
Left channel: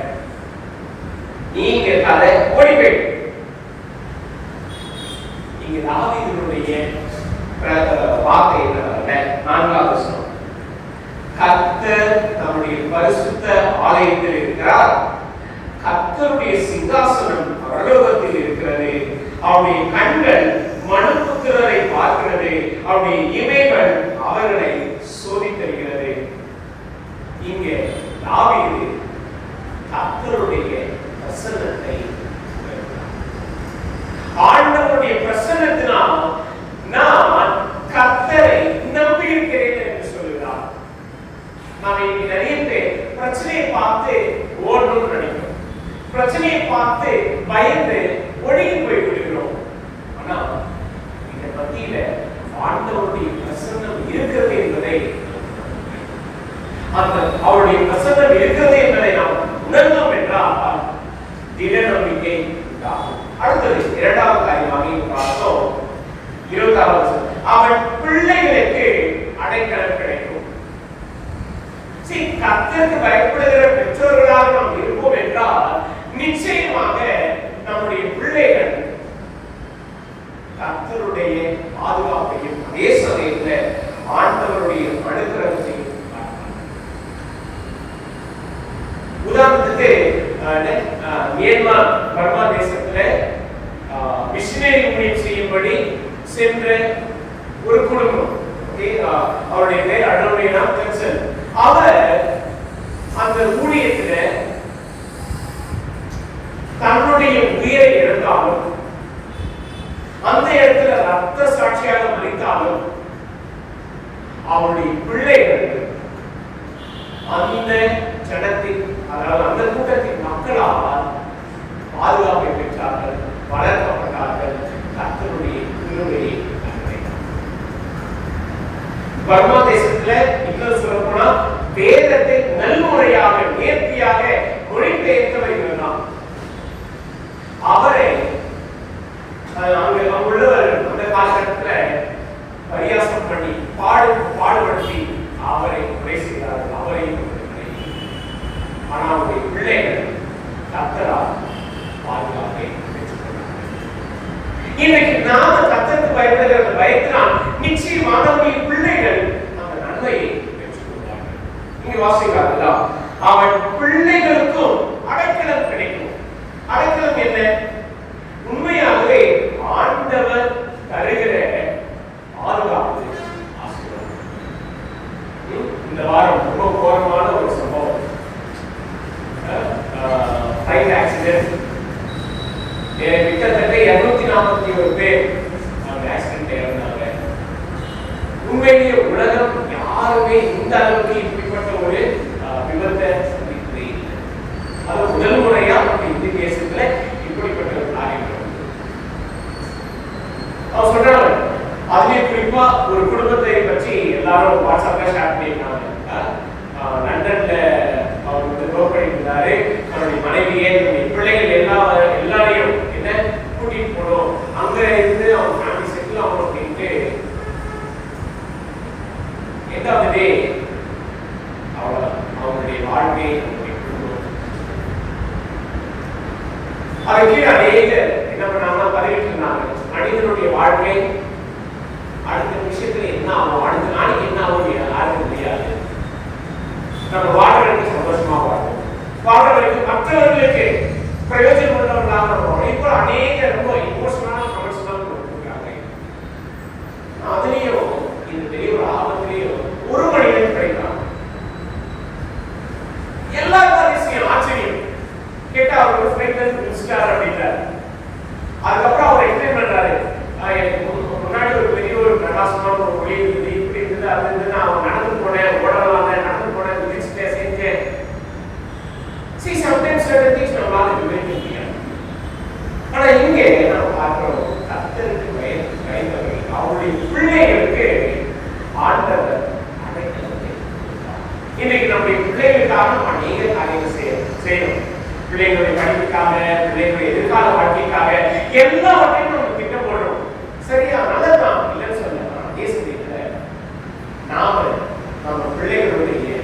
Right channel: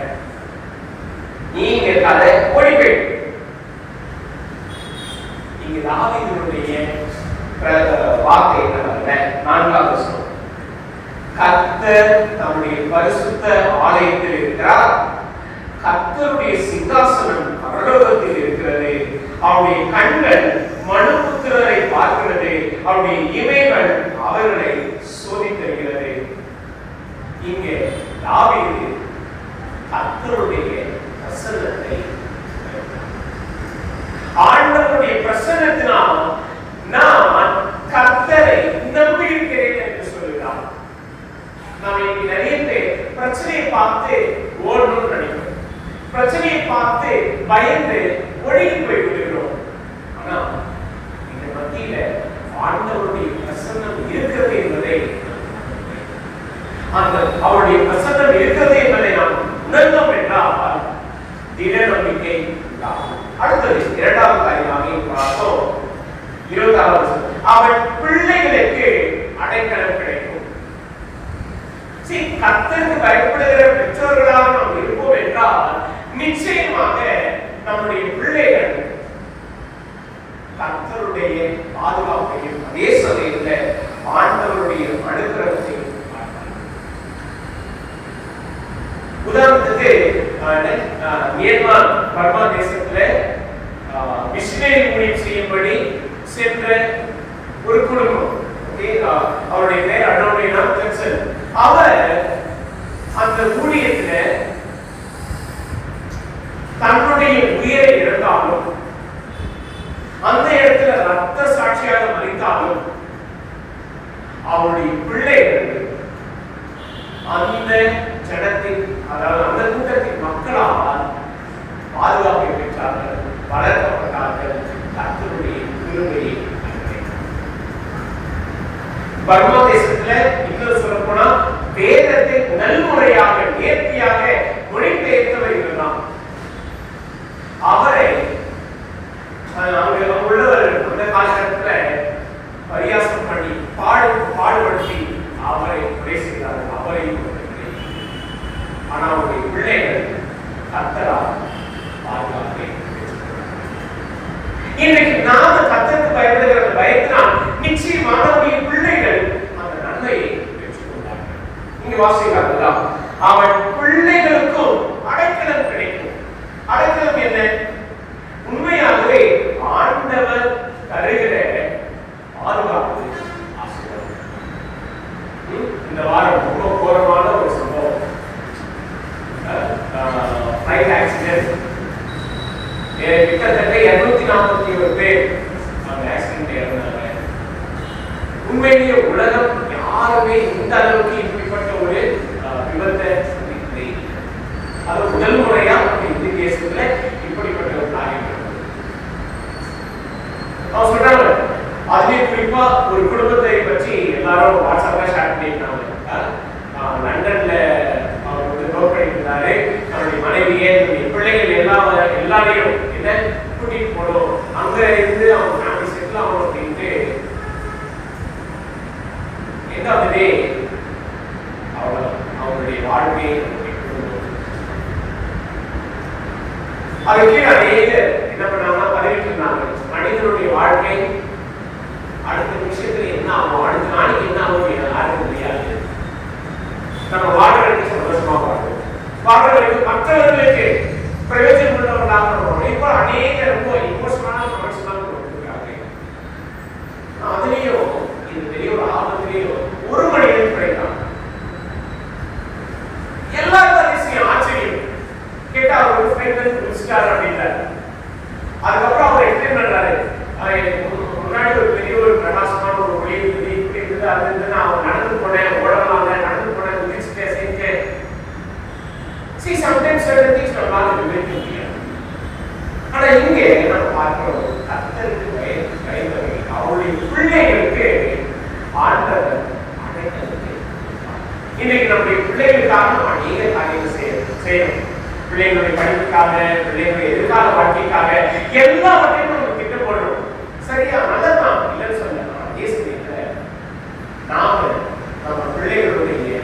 நீ இங்க இருக்காத, ஓடி போயிடு. இங்க தாவீதுடைய வார்த்தை என்ன? 4வது வசனம், கர்த்தர் நம்முடைய பரிசுத்த ஆலயத்தில் இருக்கிறார், கர்த்தருடைய சிங்காசனம் பரலோகத்தில் இருக்கிறது, அவருடைய கண்கள் மனுபுத்திரரை பார்க்கிறது, அவருடைய இமைகள் அவர்களை சோதித்தருகிறது. இங்கே தாவீது கர்த்தருடைய பிரசன்னத்தை, ஆண்டவருடைய பிரசன்னத்தினால் நான் கர்த்தரை நம்பி இருக்கிறேன் என்று சொல்லுகிறார். நாம் இன்னைக்கு நிறைய பேர் பிரச்சனையை பார்த்து ஓடணும்னு நினைக்கிறோம், பிரச்சனையை பார்த்து பயந்து ஒழுகி போய் விடுகிறோம். ஆனா இந்த மத்தியில ஆண்டவருடைய பிரசன்னம் இருக்கிறது என்பதை, அந்த அவருடைய பிரசன்னம் இருக்கிறது என்பதை நாம் உணர்ந்தோம் என்றால் திட நம்பிக்கை உண்டாகும். அடுத்தது 2வது காரியமாக பார்த்தோம், 20வது, அவன் பிள்ளைகளுக்கு அடைக்கலம் கிடைக்கும். கர்த்தருக்கு பயப்படுகிற பெற்றோர்களாக நாம் இருப்போம் என்றால் நிச்சயமாக நம்முடைய பிள்ளைகள் கர்த்தருடைய பாதுகாப்பையும் அதே சமயத்தில் ஆண்டவருடைய அனுகிரகத்தையும் பார்ப்பார்கள். உதாரணத்துக்கு மியான்மர் பர்மா தேசத்துல மிஷனரி ஊழியம் செய்யும்படி சென்ற ஒரு குடும்பம், அவருடைய பேர் அடோனியா ஜென்சன். அவர் அந்த ஊழியத்துல தன்னுடைய உயிரை இழந்தாலும், அந்த இடத்துல ரத்த சாட்சியாக மறித்தாலும், அவருடைய பிள்ளைகள் அந்த ஜனத்தின், அதாவது அந்த கூட்டத்தின் மக்களால் பாதுகாப்பை பெற்றார்கள், வளர்க்கப்பட்டார்கள். கர்த்தருடைய கிருபையை பர்மா தேசத்துல இன்னும் சொல்ல போனா வேதத்தை நல்முறையாக நேர்த்தியாக மொழிபெயர்த்தவர் இவர்தான். அவரை உள்ளவர் அந்த காலகட்டத்துல பரியாசம் பண்ணி பாடுபடுத்தி அவரை கொலை செய்தார்கள், அவரையும். ஆனா அவருடைய பிள்ளைகள் கர்த்தரால் பாதுகாப்பை பெற்றுக்கொண்டார்கள். இன்றைக்கு நாம கர்த்தருக்கு பயப்படுகிற பயத்தினால் நிச்சயமாக நம்முடைய பிள்ளைகள் அந்த நன்மையை பெற்றுக்கொள்வார்கள். இங்க வாசிக்கிறார்களா, அவன் பிள்ளைகளுக்கும் அடைக்கலம் கிடைக்கும். அடைக்கலம் என்ன? உண்மையாகவே ஆண்டவர் தருகிற பாதுகாப்பு, ஆசீர்வாதம். இந்த வாரம் ரொம்ப கோரமான ஒரு சம்பவம், ஃப்ளைட் ஆக்சிடென்ட். கிட்டத்தட்ட 241 பேர் அந்த ஆக்சிடென்ட் இறந்தாங்க. உண்மையிலேயே உலகம் யாருமே இந்த அளவுக்கு இப்படிப்பட்ட ஒரு விபத்தை சந்திக்கவே இல்லை. அது முதல் முறையா இந்த கேசத்துல இப்படிப்பட்ட ஒரு காரியம். அவன் சொல்றாங்க, அதுவே குறிப்பா ஒரு குடும்பத்தை பற்றி எல்லாரும் வாட்ஸ்அப்ல ஷேர் பண்ணிருக்காங்க. லண்டன்ல அவர் நோட் பண்ணியிருந்தாரு, அவருடைய மனைவியே பிள்ளைகள் எல்லாரையும் என்ன கூட்டிட்டு போனோம், அங்க இருந்து அவங்க ஃபேமிலி செட்டில் ஆகணும் அப்படின்ட்டு. எந்தாவதே அவங்களுடைய வாழ்க்கையை அதுக்கு அநேக என்ன பண்ணாங்கன்னா பதிவிட்டு இருந்தாங்க, மனிதனுடைய வாழ்க்கை அடுத்த விஷயத்துல என்ன ஆகும், அடுத்த நாளைக்கு என்ன ஆகும் யாருக்கும் தெரியாது. நம்ம வாழ்றதுக்கு சந்தோஷமா வாழ்வோம், வாழ்றதுக்கு மற்றவர்களுக்கு பிரயோஜனம் உள்ளவர்களாக நம்ம இப்போ அநேக ரொம்ப இமோஷனலான கமெண்ட்ஸ் தான் கொடுத்துருக்காங்க. அதுலயும் இந்த பெரிய ஒரு ஆபத்திலையும் ஒரு மனிதன் கிடைக்கும். எல்லா விஷயம் ஆச்சரியம் கேட்டா அவர் ஃப்ரெண்ட் முடிச்சிட்டாரு அப்படின்றாரு. அதுக்கப்புறம் அவர் எக்ஸ்பிளைன் பண்றாரு, முன்னாடி ஒரு பெரிய ஒரு பிரகாசமான ஒரு ஒளி இருந்தது, இப்படி இருந்தது, அது இருந்தது, நான் நடந்து போனேன், ஓடலாம் நடந்து போனேன், முடிச்சுட்டேன், செஞ்சேன். See, sometimes certain things நம்மளால விவரிக்க முடியாது. ஆனா இங்கே நம்ம பார்க்கிறோம், கர்த்தருக்கு பயந்தவர்கள், அவருடைய பிள்ளைகளுக்கு ஆண்டவர் அடைக்கலத்தை. இன்னைக்கு நம்முடைய பிள்ளைகளுக்காக அநேக காரியங்கள் செய்யணும். பிள்ளைகளுடைய படிப்புக்காக, பிள்ளைகளுடைய எதிர்கால வாழ்க்கைக்காக எல்லாவற்றையும் நம்ம திட்டம் போடுறோம். சரியா, நல்லதான், இல்லைன்னு சொல்ல. அதே சமயத்துல நாம நம்ம பிள்ளைகளுடைய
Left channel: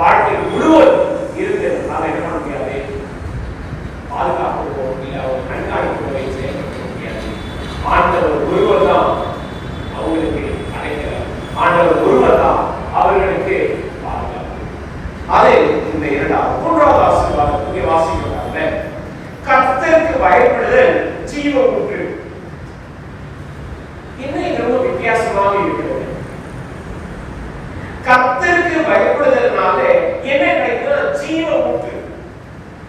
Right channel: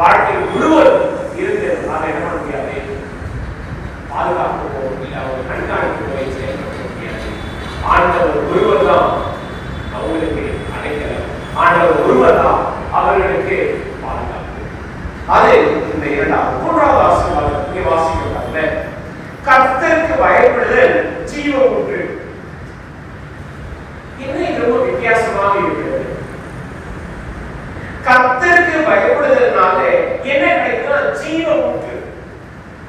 வாழ்க்கை முழுவதும் இருந்து நாம என்ன பண்ண முடியாது, பாதுகாக்கவோ இல்ல ஒரு கண்காணிக்கவோ செயல்படுத்த முடியாது. ஆண்டவர் ஒருவர் தான் அவங்களுக்கு அடைக்கலம். ஆண்டவர் ஒருவர் தான் அவர்களுக்கு பாதுகாப்பு. அது இந்த இரண்டாவது. மூன்றாவது ஆசீர்வாதம் இங்கே வாசிக்கிறாங்க. கர்த்தருக்கு பயப்படுதல் ஜீவ ஊற்று. இன்னும் ரொம்ப வித்தியாசமாக இருக்கிறது. கர்த்தருக்கு பயப்படுதல்னால என்ன கிடைக்கும்? ஜீவ ஊற்று.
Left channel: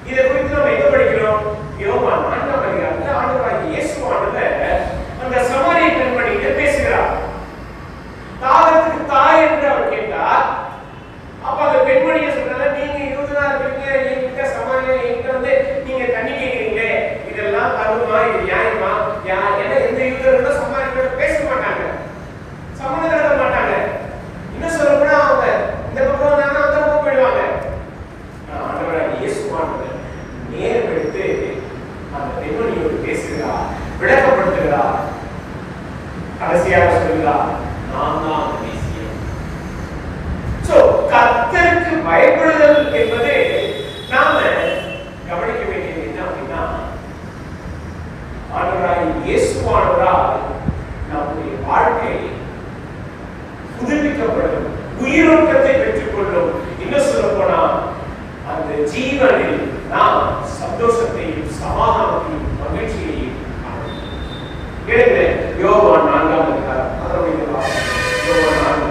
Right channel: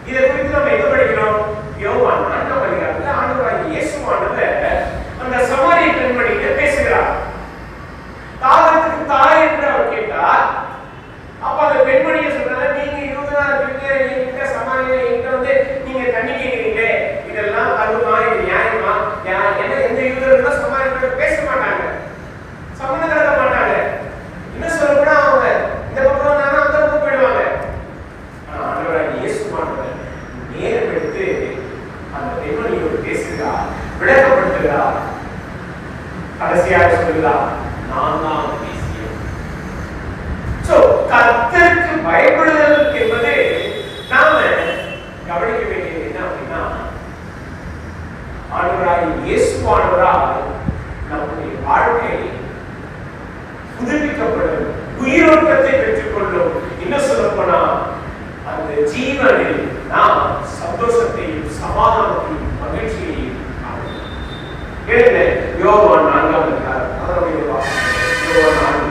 இதை குறித்து நம்ம எங்க படிக்கிறோம்? யோவான் 4ஆம் அதிகாரத்துல ஆண்டவராகிய இயேசுவானவர் அந்த சமாரிய பெண்மணியிட்ட பேசுகிறார். தாகத்துக்கு தாய் என்று அவர் கேட்டார். அப்ப அந்த பெண்மணியை சொல்றாங்க, நீங்க யூதனா இருக்கீங்க, என்கிட்ட சமாரிய என்கிட்ட நீங்க தண்ணி கேட்கிறீங்களே, இதெல்லாம் கருமா, இது நியாயமா? ஏன்னா எந்த யூதர்களும் சமாரியத்தோட பேச மாட்டாங்க, சம்மந்தம் கலக்க மாட்டாங்க. இன்னும் சொல்லப்போனா அவங்க இந்த பக்கம் வந்தாங்கன்னா அந்த பக்கம் போயிடுவாங்க. ஆண்டவராகிய இயேசுவானவர் நேரம் எடுத்து அந்த பெண்மணியோடு பேசுகிறார், விளக்கப்படுத்துகிறார். கடைசியாக சொல்கிறார், நான் தான் பேசியேன். கர்த்தருக்கு பயப்படுதல் என்பது நாம கவனிக்க வேண்டியது என்ன அப்படின்னா, ஆண்டவராகிய இயேசுவானவரால் நம்முடைய வாழ்க்கை புதுப்பிக்கப்படும், உயிரோட்டத்தை பெற்றுக் கொள்ளும். இன்னும் சொல்லப்போனா அந்த ஜீவனில் நாம் சந்தோஷத்தையும் சமாதானத்தையும் மகிழ்ச்சியையும் யோவான் 4ஆம் அதிகாரம் அதனுடைய வாசகம். யோவான் 4.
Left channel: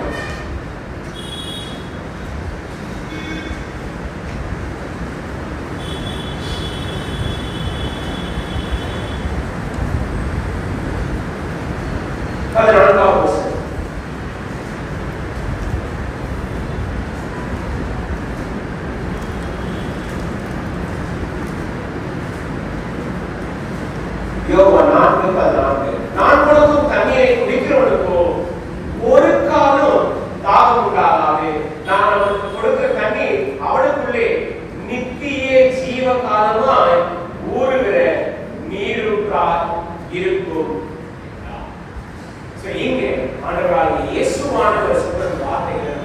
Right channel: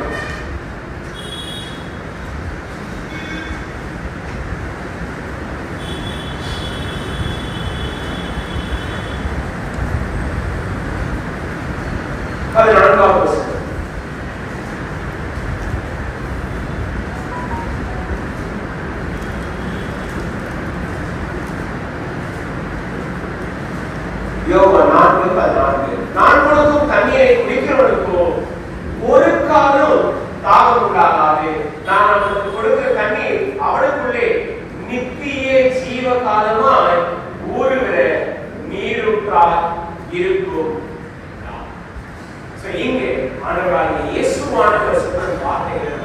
அது 4ஆம் வசனம். யோவான் 4:14. நான் கொடுக்கும் தண்ணீரை குடிக்கிறவனுக்கோ ஒரு காலம் தாகம் உண்டாகாது. நான் அவனுக்கு கொடுக்கிற தண்ணீர் அவனுக்குள்ளே நித்திய ஜீவ காலமாய் ஊறுகிற நீரூற்றாய் இருக்கும். இங்கே ஆண்டவராகிய இயேசுவானவர் சொன்ன வார்த்தைகள்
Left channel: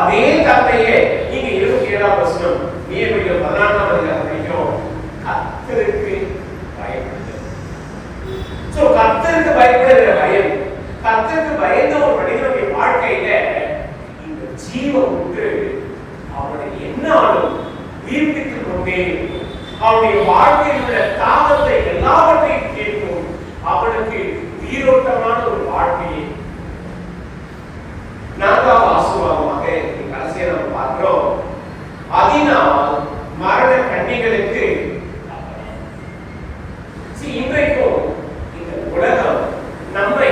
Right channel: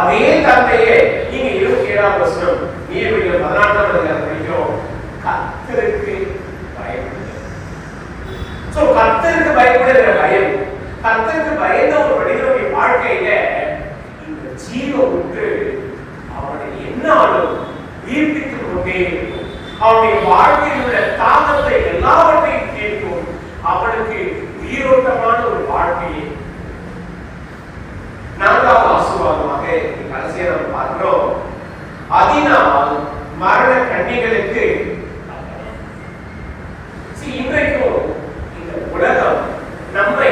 அதே தந்தையே இங்க 27ஆம் வசனம் நீதிமொழிகள் 14ஆம் அதிகாரம் படிக்கிறோம். கர்த்தருக்கு பயப்படுதல். கர்த்தருக்கு பயப்படுகிற பயம், கர்த்தருக்கு பயந்த ஒரு மனிதனுடைய வாழ்க்கையில இந்த ஜீவ ஊற்று அவனை என்னாலும் உயிர்ப்பித்துக் கொண்டே இருக்கும். அவனுடைய வாழ்க்கையில் உள்ள தாகத்தை எல்லாவற்றையும் கேட்கும். அவனுக்கு உயிரோட்டமான ஒரு வாழ்க்கையை. 4ஆவது ஆசீர்வாதமாக கடைசியாக நம்ம பார்க்கிறோம். அதனால் மரண கண்ணிகளுக்கு இன்றைக்கும் இந்த உலகம் நம்மை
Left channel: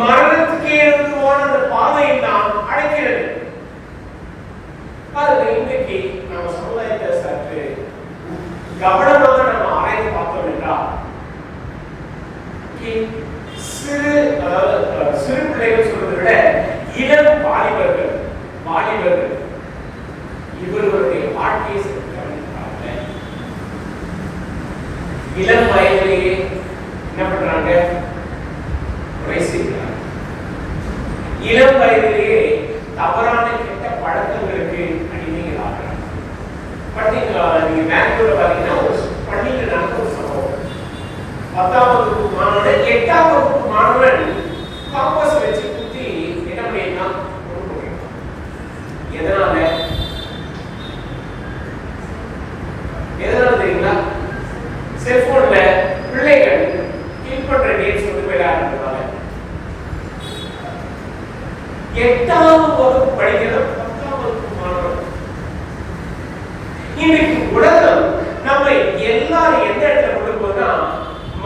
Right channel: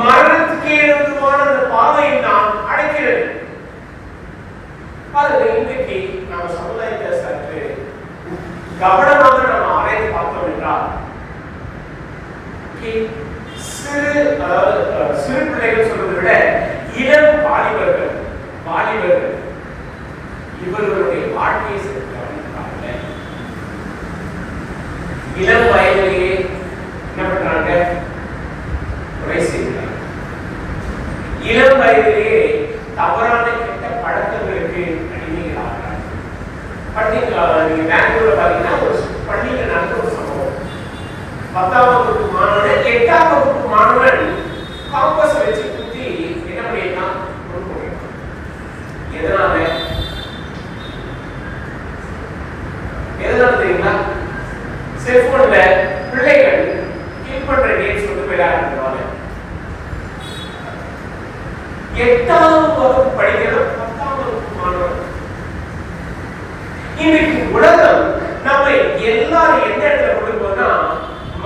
மரணத்துக்கு ஏதுவான அந்த பாதையை தான் அடைக்கிறது. இன்றைக்கு நம்ம சமுதாயத்தை சற்று கவனமாக நம்ம ஆராய்ந்து பார்த்தோம் என்றால் சிறு பிள்ளைகள் சொல்வதை விட இளம் வாலிபர்கள் இவர்களுடைய வாழ்க்கையை கவனிக்கிறாங்க. இளம் வயதிலேயே என்ன பண்றாங்க? கொலை செய்கிறாங்க. இளம் வயதிலேயே தவறான கெட்ட பழக்கங்களுக்கு அடிமைகளாகிறாங்க. பார்த்தீங்களா, நீங்க பெங்களூர்ல பாத்தீங்கன்னா ஒரு பள்ளியில் நடந்த ஒரு சம்பவம். 10ஆம் வகுப்பு மாணவன் 8ஆம் வகுப்பு மாணவன் காம்பஸ் வச்சு குத்தி என்ன பண்ணிருக்கான்? எதனால தெரியுங்களா? செல்போன்ல பிள்ளைகள் கிளிக் பண்ற கேம்ஸ் வந்து விளையாடுறாங்க. 8ஆம் வகுப்பு படிக்கிற 10ஆம் வகுப்பு மாணவன். இன்னைக்கு உலகம் நம்ம எல்லாரும் எந்த இடத்துல கொண்டு போனா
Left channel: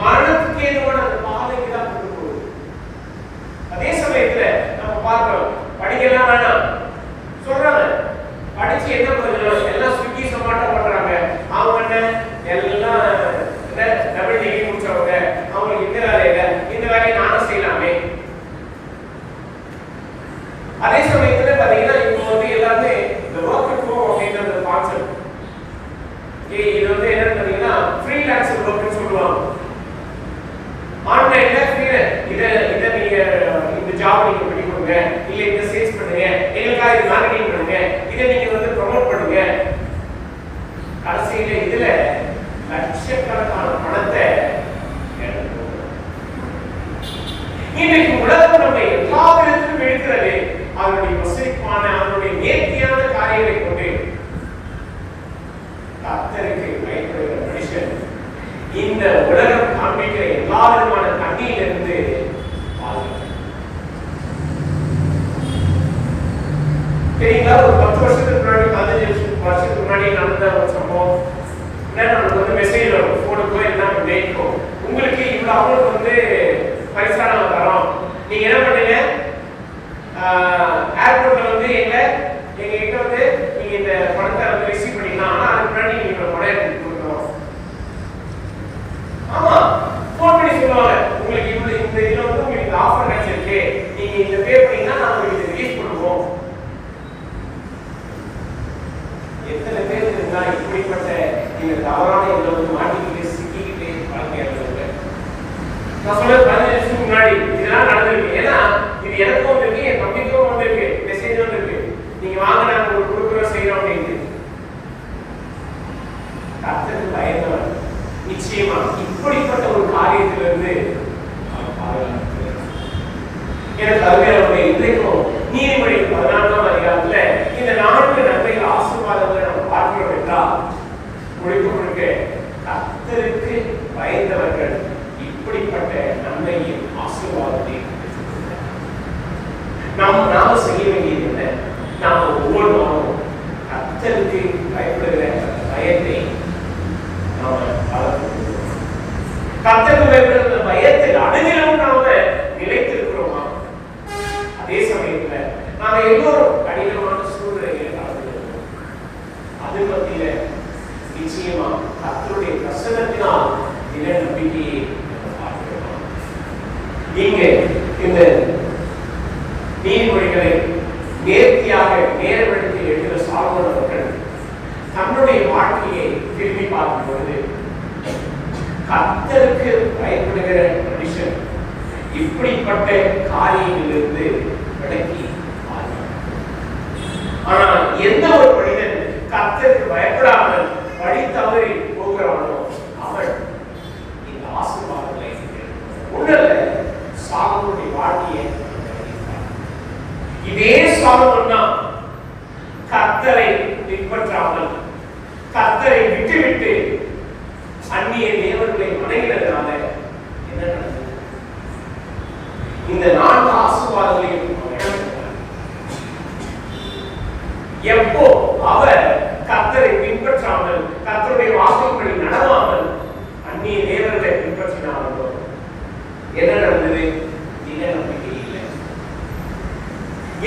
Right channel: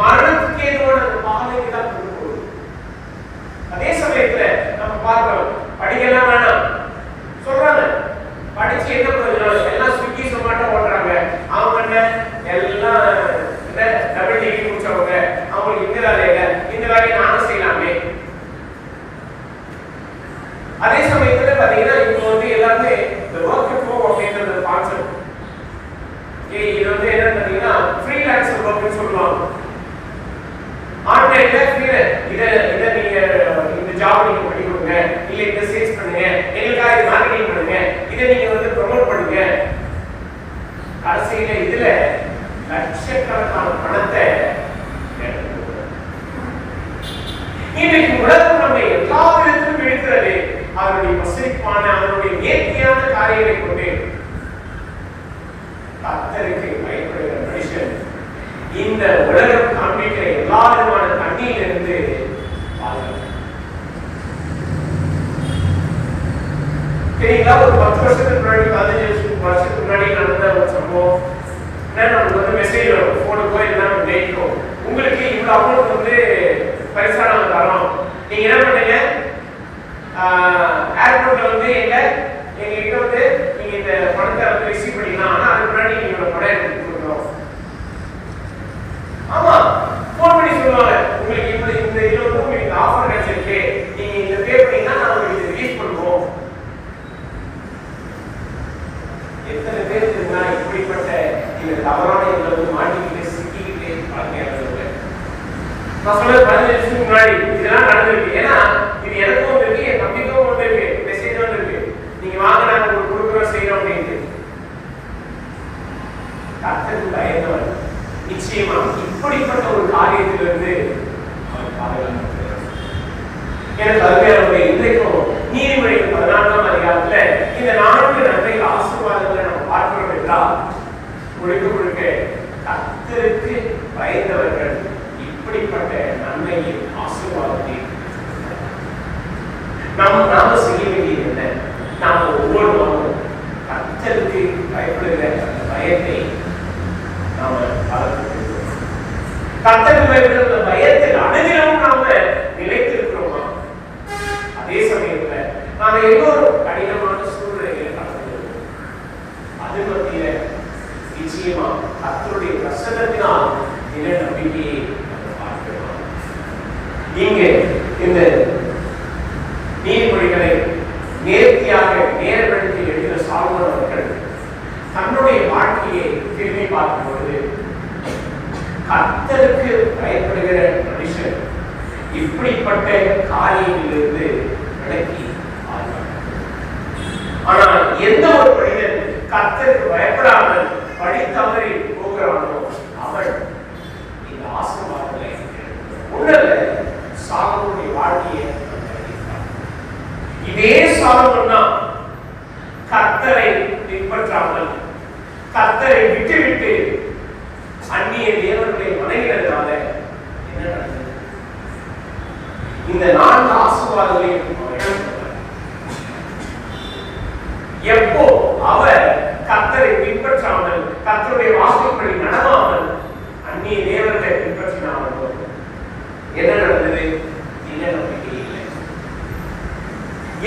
மரணத்துக்கு ஏதுவான பாதைக்கு தான் கொண்டு போகுது. அதே சமயத்துல நம்ம பார்க்கிறோம், படிக்கலாம் வேணாம் சொல்றாங்க. படிச்சு என்ன பிரயோஜனம்? எல்லாம் ஸ்விக்கி சொமாட்டோ ஓட்டுறாங்க. அவங்க எல்லாம் டபுள் டிகிரி முடிச்சவங்க, அவங்களுக்கு இந்த வேலை இல்லை இத இத நீங்க இந்த ஜாப் நீங்க பண்ணி கொடுங்க, இல்ல இந்த சேல்ஸ் பண்ணுங்க, எங்களுக்காக இது மார்க்கெட்டிங் பண்ணுங்க, இத நீங்க வந்து ப்ரோமோட் பண்ணுங்க. கடைசியில இதுல லட்சக்கணக்கான பணத்தை இன்னைக்கு உலகம் நம்ம எல்லா விதத்திலும் இருக்கிறது அவருடைய வசதிப்பான அவருடைய நேர்த்தியான காரியங்களை கொண்டு. கர்த்தருக்கு பயப்படுகிற மனுஷன் இந்த உலகம் காண்பிக்கிற எல்லா விதமான கண்ணியிலிருந்து சரிங்களா. ஒரு 10 வருஷத்துக்கு முன்னாடி 15 வருஷத்துக்கு முன்னாடி நடந்த ஒரு சம்பவம். நம்மளுக்கு வந்து மெசேஜ் வரும், போனுக்கோ இல்லைன்னா மெயிலுக்கோ, உங்களுக்கு இவ்வளவு அமௌண்ட் வந்து பைசா நாங்க தரோம், நீங்க என்ன பண்ணுங்க, ஏர்போர்ட்ல வந்து எங்க கிட்ட வந்து நீங்க இந்த பணத்தை வந்து ரிசீவ் பண்ணிக்கலாம். ஆனா அதுக்கு முன்னாடி நீங்க இவ்வளவு பணம் எடுத்து கொடுக்கணும். ஆமா, போன் பண்ணி சொல்லுவாங்க, உங்களுக்கு இந்த இதுல வந்து உங்களுக்கு இந்த ஆஃபர் கிடைச்சிருக்கு, நீங்க இந்த பே பண்ணீங்கன்னா நான் உங்களுக்கு ரிலீஸ் பண்ணுவோம். எத்தனை பேர் இருந்தா இப்படிப்பட்ட இந்த தவறான இதுல வந்து மாட்டிக்கிட்டு சிக்கிக்கிட்டு பழக்கம். நான் சொல்றது 15 வருஷத்துக்கு முன்னாடி இதெல்லாம் நடந்திருக்கு. ஏன்னா இது எனக்கும் வந்திருக்கு, என் தம்பிக்கும் வந்திருக்கு, மெசேஜ் வந்திருக்கு, நீங்க வாங்க நாங்க உங்களுக்கு கொடுக்குறோம் செய்யறோம் அப்படின்னு. கர்த்தருக்கு பயந்தவர் நிச்சயமா இப்படிப்பட்ட ஒரு காரியத்திலிருந்து அவர் பாதுகாக்கிறார். எனக்கு அருமையானவர்களே, இன்றைக்கும் நீதிமொழிகள் 14ஆம் அதிகாரத்துல இந்த 4 நன்மைகள் ஆசீர்வாதங்களை நம்ம பார்க்கிறோம் என்றால் முழுக்க முழுக்க கர்த்தருக்கு பயந்தவர்கள் இப்படிப்பட்ட நன்மையின் ஆசீர்வாதத்தை நாம செய்ய வேண்டியது என்ன? நாம ஒவ்வொரு நாளும் கர்த்தருக்கு பயப்படுகிற பயத்தை நாம வளர்க்கிறோம். கர்த்தருக்கு பயப்படுகிற பயத்தில் அனைவரும் நாம நிலைத்திருக்கிறோமா? அதே சமயத்துல நாம எல்லோரும் கடினமான சூழ்நிலைகளை கலந்துருக்கோம். அது மத்தியில நிச்சயமா கர்த்தருடைய பிரசன்னத்தினால் நில நம்பிக்கையை இங்க இந்த நீதிமொழிகளை நேர்த்தியாக நேரப்படுத்தி எழுதிய சாலமோன் அவர்கள் தன்னுடைய வாழ்க்கையை திரும்பி பார்க்கும்போது கர்த்தருக்கு பயப்படுகிற மனுஷன் இப்படிப்பட்ட காரியங்களிலிருந்து விலக்கி ஆனால் எந்த ஒரு மனிதன் கர்த்தருக்கு பயப்படாமல் வழி தவறி போகிறானோ அவன் இந்த ஆசீர்வாதங்களை உடல்ல சாலமோனுடைய வாழ்க்கையை இதே சாலமோன் தான் கர்த்தரை பின்பற்றாமல் கர்த்தரை விட்டுவிட்டு அந்நிய தேவர்களை வணங்கினதுனால என்ன நடந்தது? இந்த 4 ஆசீர்வாதங்களையும் எப்போ அவர் கர்த்தரை பின்பற்றாமல் கர்த்தருடைய வார்த்தைப்படி நடவாமல் அந்நிய தேவர்களை பின்பற்றினார்களோ என்ன நடந்தது? என்ன நம்பிக்கை இல்லை.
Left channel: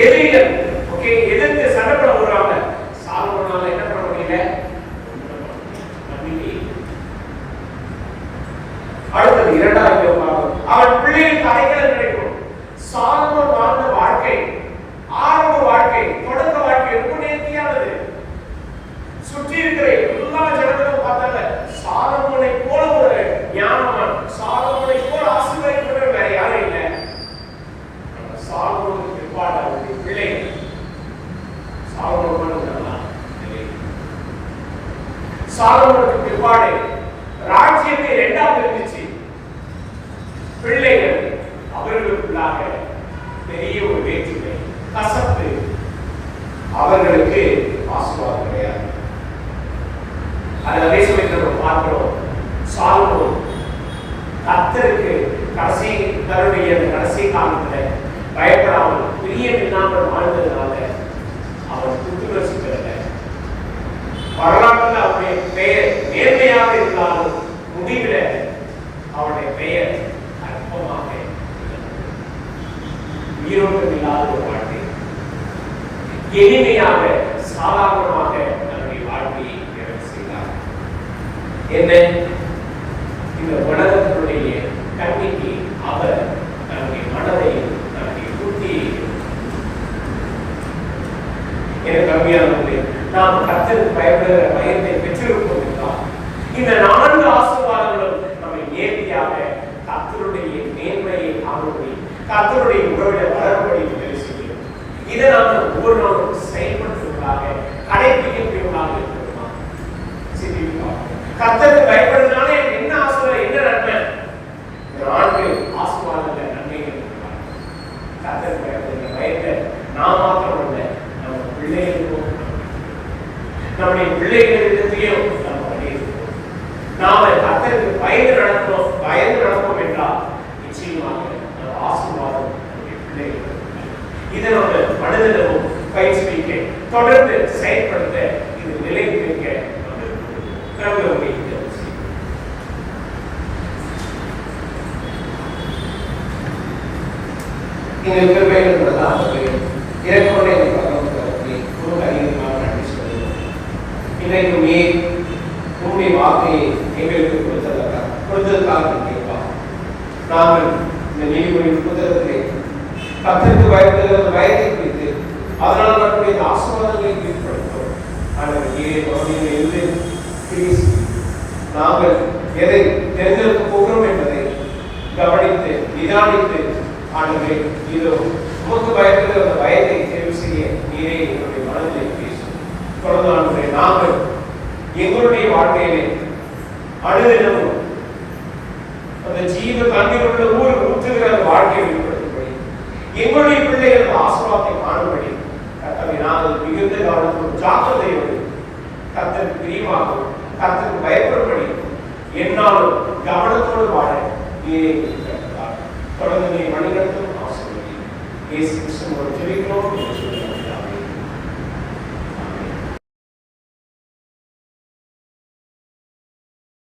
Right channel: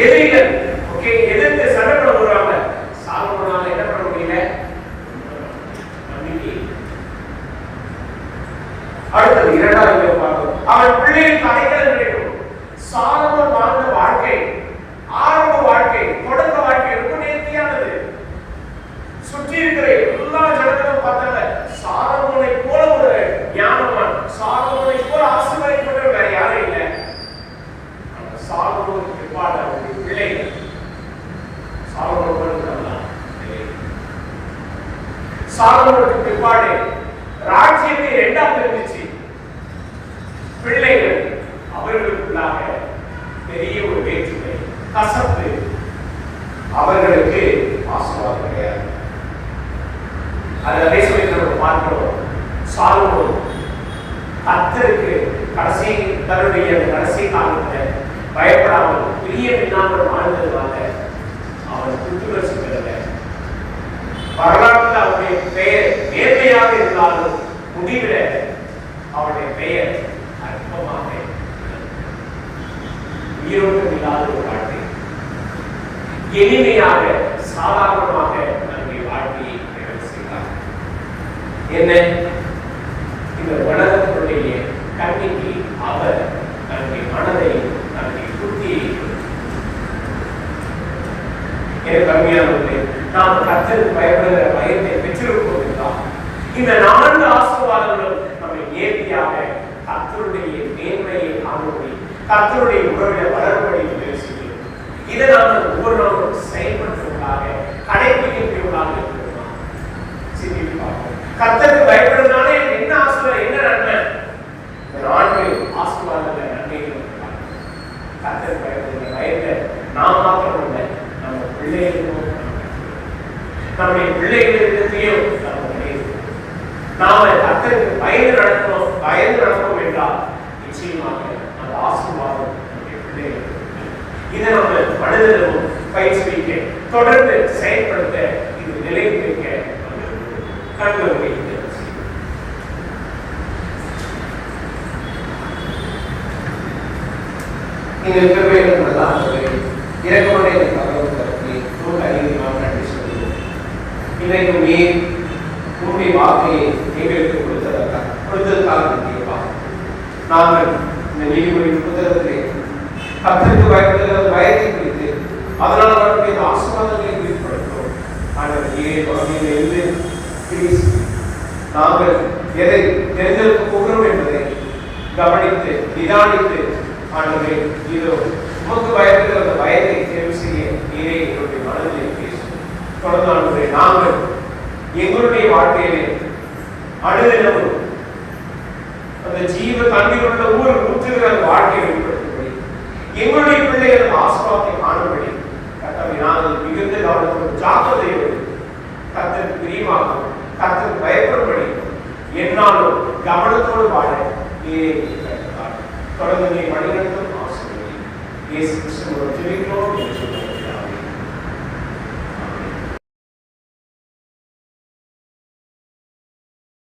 எதிரிகள் எதிர்த்து சண்டை போட வருவாங்க. சாலமோனால என்ன பண்ண முடியல? நம்பிக்கை. அடுத்தது 2வது பார்ப்போம். அவன் பிள்ளைகளுக்கு அடைக்கலம் கிடைக்கும். சாலமோன் வாழ்ந்த வாழ்க்கை ஆரம்ப வாழ்க்கை தொடக்க வாழ்க்கை ரொம்ப நேர்த்தியானது. சுற்றி இருக்கிற எல்லா ஜனங்களும் பார்த்தாங்க சாலமோனை போல ஒரு ஞானவான், சாலமோனை போல ஆசீர்வதிக்கப்பட்ட வேற யாரும் இல்லை. சாலமோனுக்கு பிற்பாடு அவருடைய பிள்ளை சாலமோனுக்கு பிற்பாடு ராஜ்யத்தை 2ஆக இருந்துச்சு. பிள்ளைகள் அவர்களுக்குள்ளாக பெரிய ஒரு வேற்றுமை கசப்பு அவர்களுக்கு ஆசீர்வாதம் கிடையாது. அதே சமயத்தில் நம்ம பார்க்கிறோம் சாலமோன் கர்த்தருக்கு தன்னுடைய கடைசி காலத்தில் பயப்படாமல் பிரியமில்லாமல் வாழ்ந்ததுனால அவன் புத்துணர்ச்சி பெறல. வரலாற்றில் அவருடைய பெயர் நேர்மையாக இருந்தாலும் முடிவில் அவருடைய பெயர் அற்பமாக ஈரோட்டம் இல்லாத ஒரு வாழ்க்கை, எளிமையாக சாதாரணமாக தன்னுடைய வாழ்க்கையை நிறைவு செய்தார். என்ன இந்த உலகத்தினுடைய கண்ணிக்கு அவர் தன்னுடைய மனதை தன்னுடைய புத்தியை கம்மியானது. நாம் கர்த்தருக்கு பயப்படுகிற பயத்தை பெற்றிருப்போம் என்றால் இந்த 4 ஆசீர்வாதங்களும் நம்மை நேர்த்தியாக கர்த்தருடைய மேன்மையை காணும் கர்த்தருடைய உறவில வளரும்படி உதவி செய்யும். இதை நாம் ஒவ்வொரு நாளும் செயல்படுத்துவதாக கடைபிடிக்கக்கூடியவர்களாக இருக்கிறோம். சிந்தித்து பார்ப்போம். கர்த்தருக்கு பயப்படுறதுனால எனக்கு என்ன ஆசீர்வாதம், என்ன நன்மை? ஆண்கள் ஆசீர்வாதங்கள் நன்மைகள் இருக்கிறாங்க. கர்த்தருக்கு பயப்படுகிற பயத்தை நாம் மாத்திரம் இல்லை, நம்ம பிள்ளைகளுக்கும் நம்முடைய பிள்ளைகளிடத்தையும் நாம் பண்ணியிருக்கோம். நாம கர்த்தருக்கு பயந்து நடப்போம் என்றால் நிச்சயமாக அந்த ஆசீர்வாதம் நம்முடைய பிள்ளைகளுக்கு. இதை நம்ம மனதிலும் பயிற்சிக்க தொடர்ந்து செயல்படுத்த இது நிலைத்திருக்க கண்களுடைய இந்த கிருபைகளெல்லாம் இறக்கொண்டே நன்றி சொல்லுவோம். இன்றைக்கு நீ உன்னுடைய வாக்கையை எங்களுக்கு கொடுத்ததற்காக கேட்பா. நாங்கள் இந்த நீதிமொழியின் புத்தகத்திலே கர்த்தருக்கு பயப்படுகிற பயத்தை குறித்து அதனால் வரக்கூடிய ஆசீர்வாதங்களை குறித்து படித்தோம். ஆனால் நாங்கள் எதை தெரிந்தெடுக்க போகிறோம் என்பதை கவனித்து நிதானித்து ஆண்டவரே இதோ உமக்கு பயப்படுகிற அந்த பயத்தை தேர்வு செய்ய நீரே எங்களுடைய மனதில் பேசும். தொடர்ந்து ஆண்டவரே நாங்கள் எங்களுடைய வாழ்க்கையிலே அனுதினமும் அந்த ஜீவ தண்ணீர் உள்ள ஊற்றுகிற அந்த வாழ்க்கையை வெளிப்படுத்தும்படி எங்களுடைய பிள்ளைகள் ஆசீர்வாதத்தை காணும்படி கர்த்தரை நாங்கள் மிகுந்த கவனத்தோடு ஜாக்கிரதையோடு கர்த்தருக்கு பிரியமாகவும் கர்த்தருக்கு பயப்படும்படி என்னாலும் கவனத்தோடு வாழ நீரே தொடர்ந்து நீ வழிநடத்தும் ஆசீர்வதி. இயேசு கிறிஸ்துவின் ஜெபத்திலோ